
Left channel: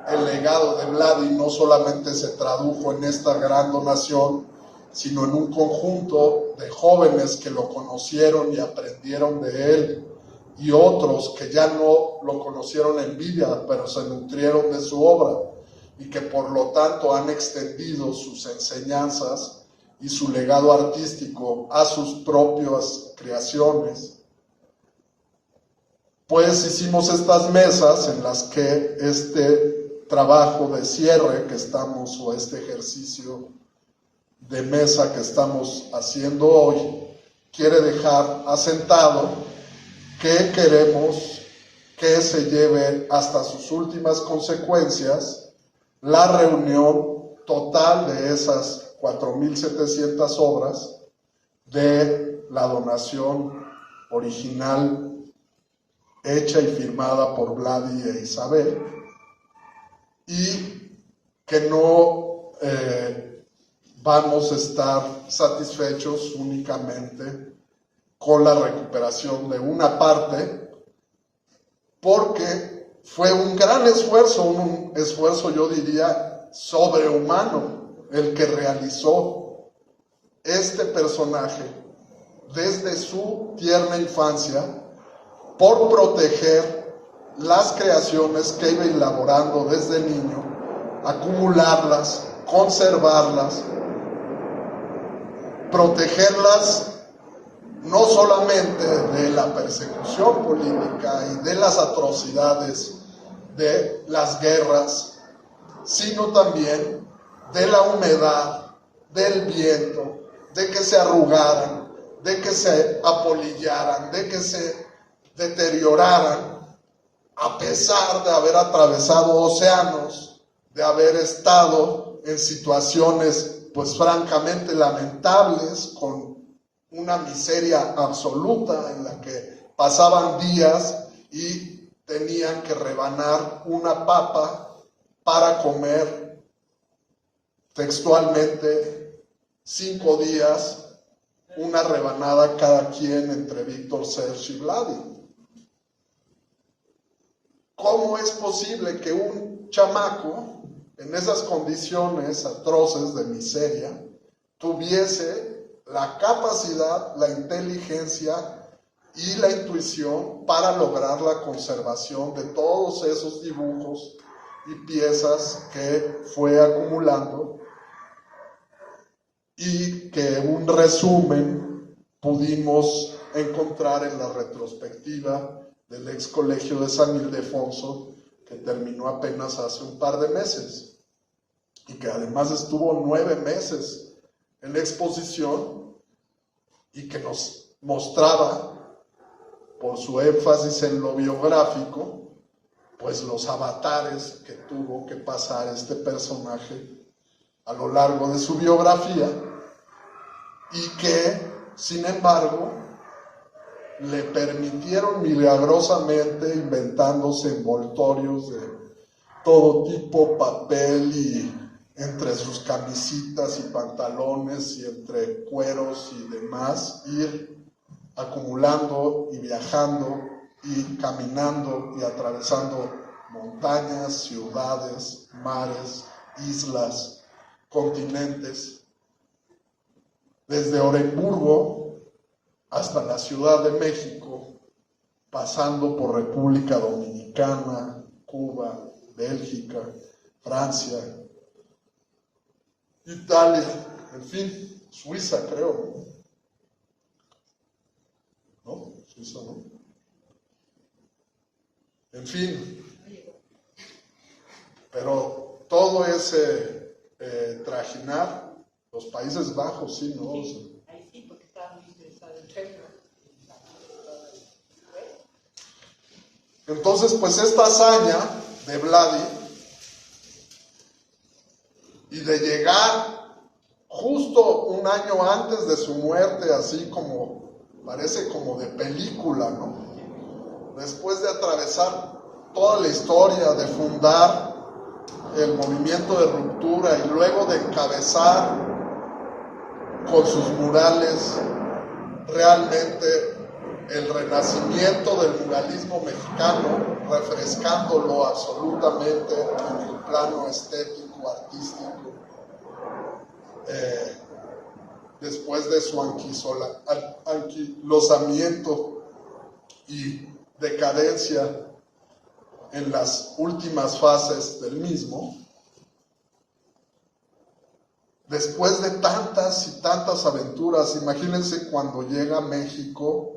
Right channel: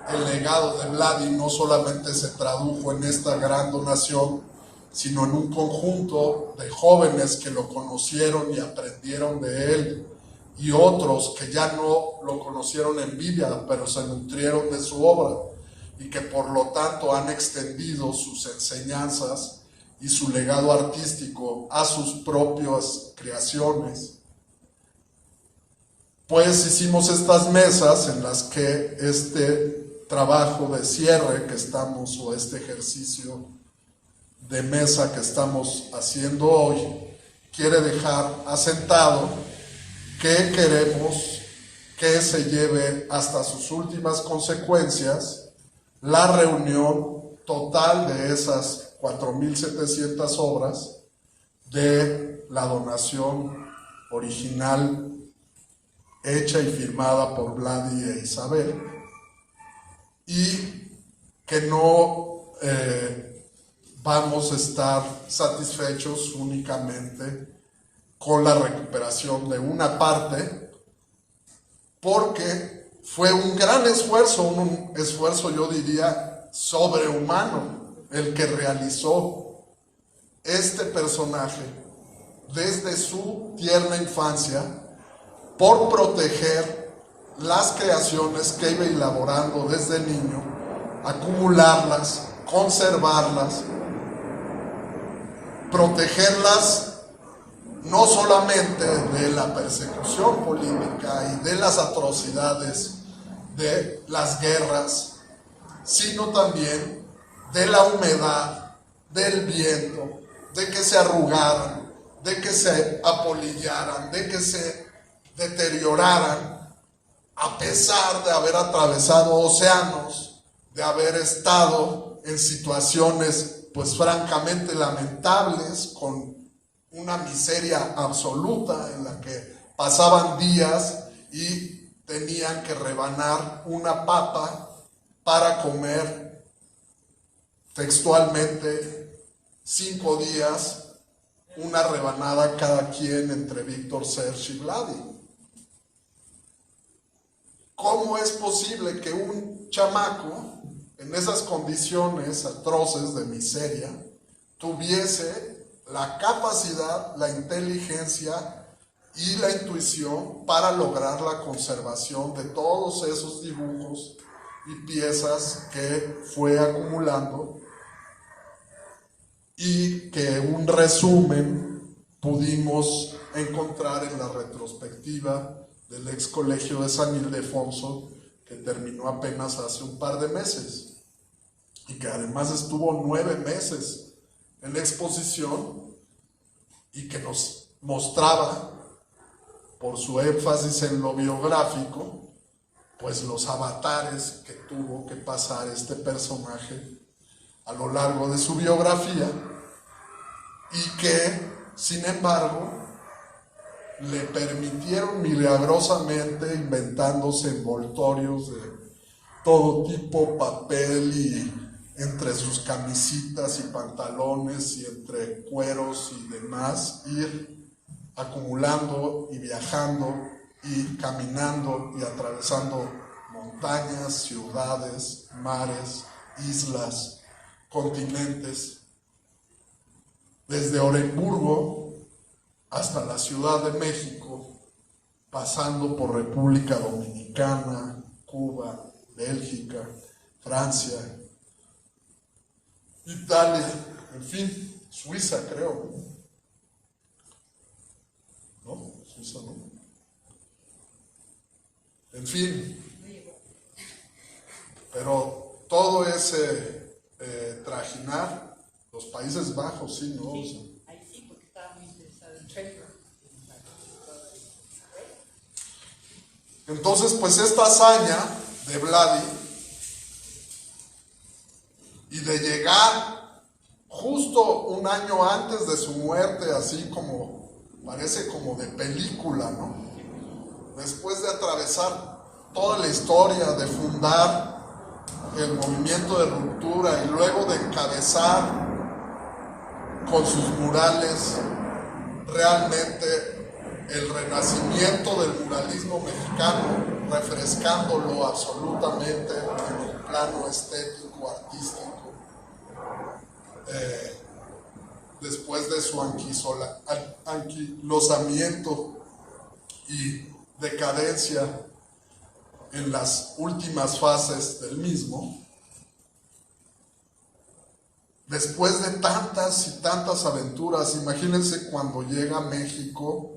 el legado de Vladi no solamente se tradujo en esta gran donación, sino en un conjunto de jóvenes que lo conocieron y aprendieron de él, y otros que ya no lo conocieron en vida, pero se nutrieron de su obra, y que por lo tanto han extendido sus enseñanzas y su legado artístico a sus propias creaciones. Pues hicimos estas mesas en las que este trabajo de cierre que estamos, o este ejercicio de mesa que estamos haciendo hoy, quiere dejar asentado que queremos que se lleve hasta sus últimas consecuencias la reunión total de esas 4,700 obras de la donación original hecha y firmada por Vladi e Isabel, y que no vamos a estar satisfechos únicamente con la recuperación de una parte, porque fue un gran esfuerzo, un esfuerzo yo diría sobrehumano, el que realizó este personaje desde su tierna infancia por proteger las creaciones que iba elaborando desde niño, acumularlas, conservarlas, protegerlas no solamente de la persecución política y de las atrocidades de las guerras, sino también de la humedad, del viento, de que se arrugaran, de que se apolillaran, de que se deterioraran, a pesar de haber atravesado océanos, de haber estado en situaciones pues francamente lamentables, con una miseria absoluta en la que pasaban días y tenían que rebanar una papa para comer textualmente 5 días, una rebanada cada quien entre Víctor Serge y Vladi. ¿Cómo es posible que un chamaco en esas condiciones atroces de miseria tuviese la capacidad, la inteligencia y la intuición para lograr la conservación de todos esos dibujos y piezas que fue acumulando, y que un resumen pudimos encontrar en la retrospectiva del ex colegio de San Ildefonso, que terminó apenas hace un par de meses y que además estuvo 9 meses en la exposición, y que nos mostraba, por su énfasis en lo biográfico, pues los avatares que tuvo que pasar este personaje a lo largo de su biografía y que, sin embargo, le permitieron milagrosamente, inventándose envoltorios de todo tipo, papel, y entre sus camisitas y pantalones y entre cueros y demás, ir acumulando y viajando y caminando y atravesando montañas, ciudades, mares, islas, continentes, desde Oremburgo hasta la Ciudad de México, pasando por República Dominicana, Cuba, Bélgica, Francia, Italia, en fin, Suiza, creo. ¿No? Suiza, ¿no? En fin. Pero todo ese trajinar, los Países Bajos, sí, ¿no? Sí, o sea, ahí sí, porque estaba muy interesado en Treasure. Entonces, pues esta hazaña de Vladi y de llegar justo un año antes de su muerte, así como parece como de película, ¿no? Después de atravesar toda la historia, de fundar el movimiento de ruptura y luego de encabezar con sus murales realmente el renacimiento del muralismo mexicano, refrescándolo absolutamente en el plano estético, artístico, después de su anquilosamiento y decadencia en las últimas fases del mismo. Después de tantas y tantas aventuras, imagínense cuando llega a México,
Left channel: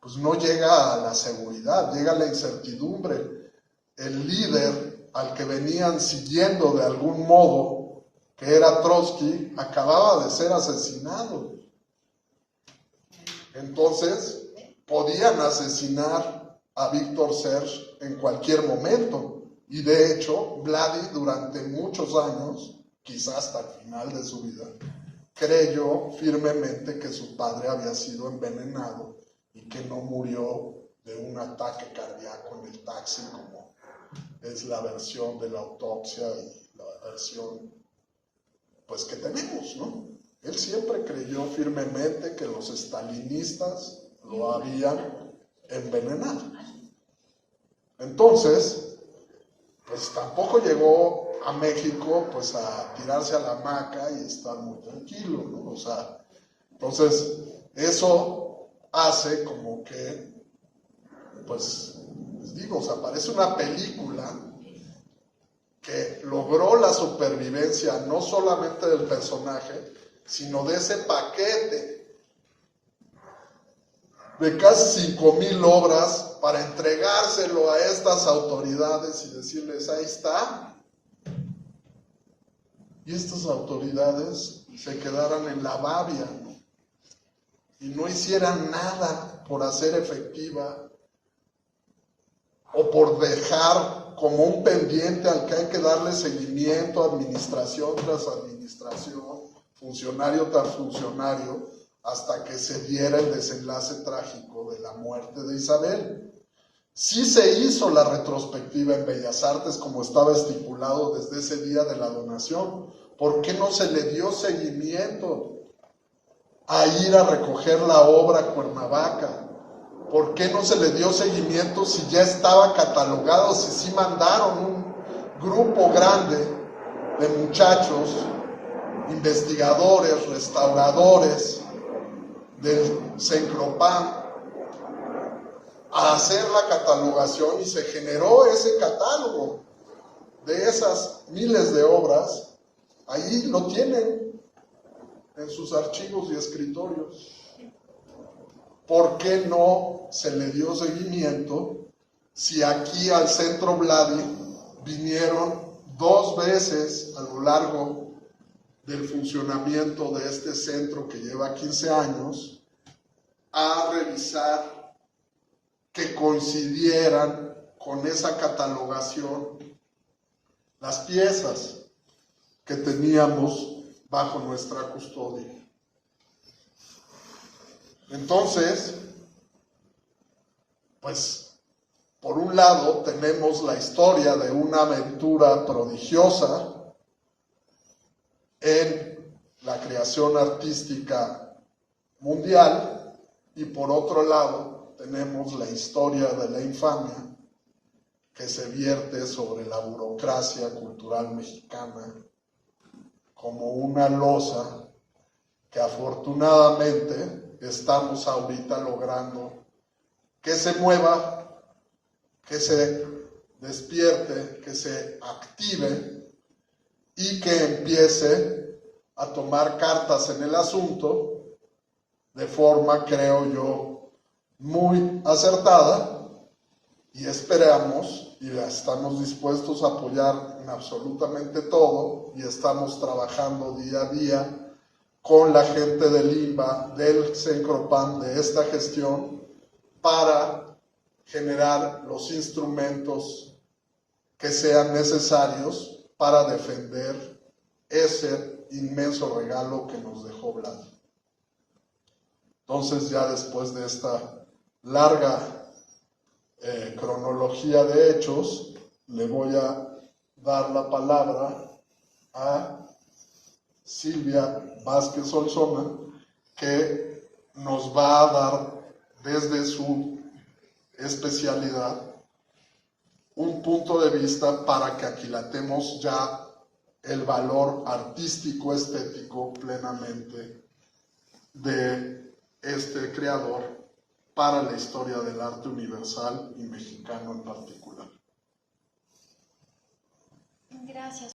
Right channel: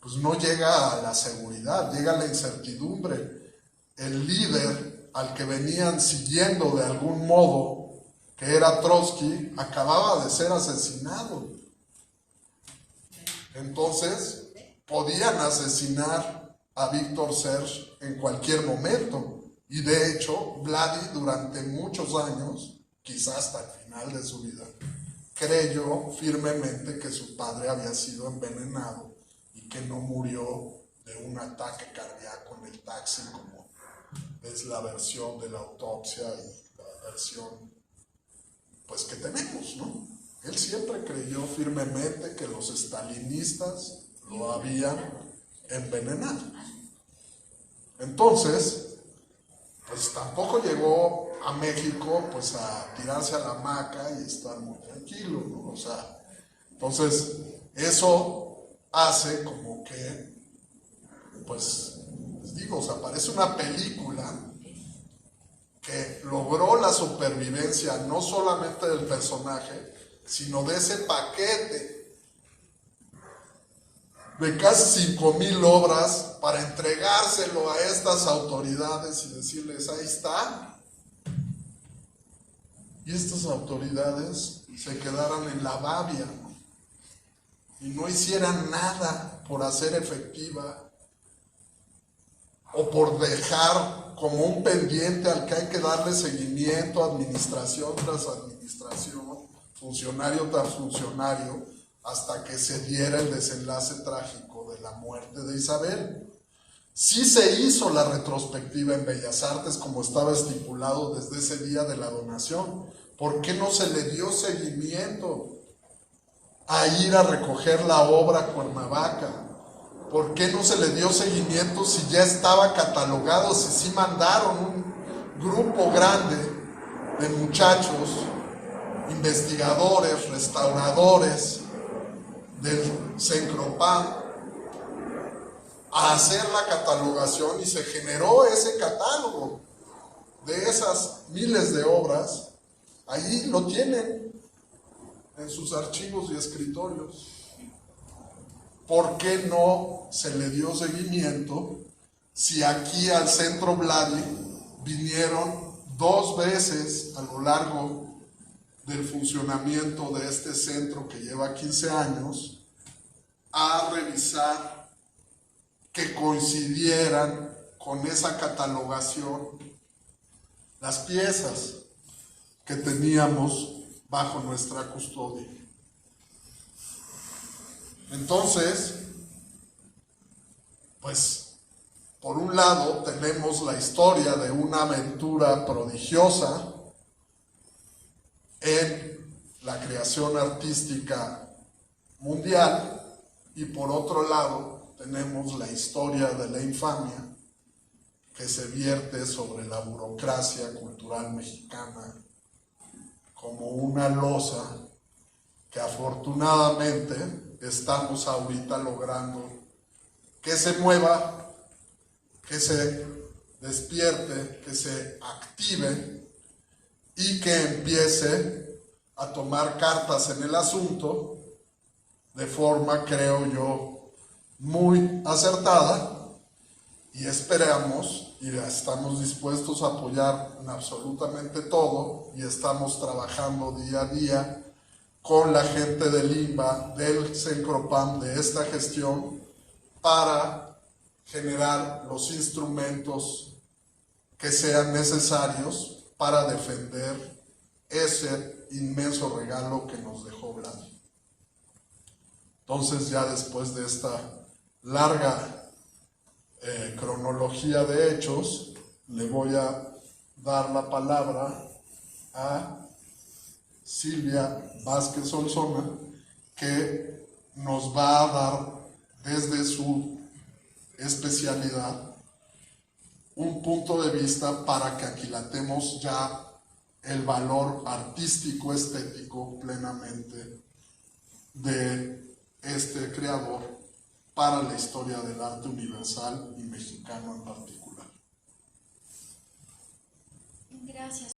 pues no llega a la seguridad, llega a la incertidumbre. El líder al que venían siguiendo de algún modo, que era Trotsky, acababa de ser asesinado. Entonces, podían asesinar a Víctor Serge en cualquier momento. Y de hecho, Vladi durante muchos años, quizás hasta el final de su vida, creyó firmemente que su padre había sido envenenado y que no murió de un ataque cardíaco en el taxi, como es la versión de la autopsia y la versión pues que tenemos, ¿no? Él siempre creyó firmemente que los estalinistas lo habían envenenado. Entonces, pues tampoco llegó a México pues a tirarse a la hamaca y estar muy tranquilo, ¿no? O sea, entonces eso hace como que, pues, les digo, o sea, parece una película que logró la supervivencia no solamente del personaje, sino de ese paquete de casi 5,000 obras para entregárselo a estas autoridades y decirles, ahí está. Y estas autoridades se quedaran en la babia, ¿no? Y no hicieran nada por hacer efectiva o por dejar como un pendiente al que hay que darle seguimiento, administración tras administración, funcionario tras funcionario, hasta que se diera el desenlace trágico de la muerte de Isabel. Sí se hizo la retrospectiva en Bellas Artes como estaba estipulado desde ese día de la donación. ¿Por qué no se le dio seguimiento a ir a recoger la obra a Cuernavaca? ¿Por qué no se le dio seguimiento si ya estaba catalogado, si sí mandaron un grupo grande de muchachos, investigadores, restauradores del Cencropan a hacer la catalogación y se generó ese catálogo de esas miles de obras? Ahí lo tienen en sus archivos y escritorios. ¿Por qué no se le dio seguimiento si aquí al Centro Vladi vinieron 2 veces a lo largo del funcionamiento de este centro que lleva 15 años a revisar que coincidieran con esa catalogación las piezas que teníamos bajo nuestra custodia. Entonces, pues, por un lado tenemos la historia de una aventura prodigiosa en la creación artística mundial, y por otro lado tenemos la historia de la infamia que se vierte sobre la burocracia cultural mexicana como una losa que afortunadamente estamos ahorita logrando que se mueva, que se despierte, que se active y que empiece a tomar cartas en el asunto de forma, creo yo, muy acertada, y esperamos y estamos dispuestos a apoyar en absolutamente todo, y estamos trabajando día a día con la gente del INBA, del CENCROPAM, de esta gestión, para generar los instrumentos que sean necesarios para defender ese inmenso regalo que nos dejó Vlad. Entonces, ya después de esta larga cronología de hechos, le voy a dar la palabra a Silvia Vázquez Solsona, que nos va a dar desde su especialidad un punto de vista para que aquilatemos ya el valor artístico, estético plenamente de este creador para la historia del arte universal y mexicano en particular. Gracias.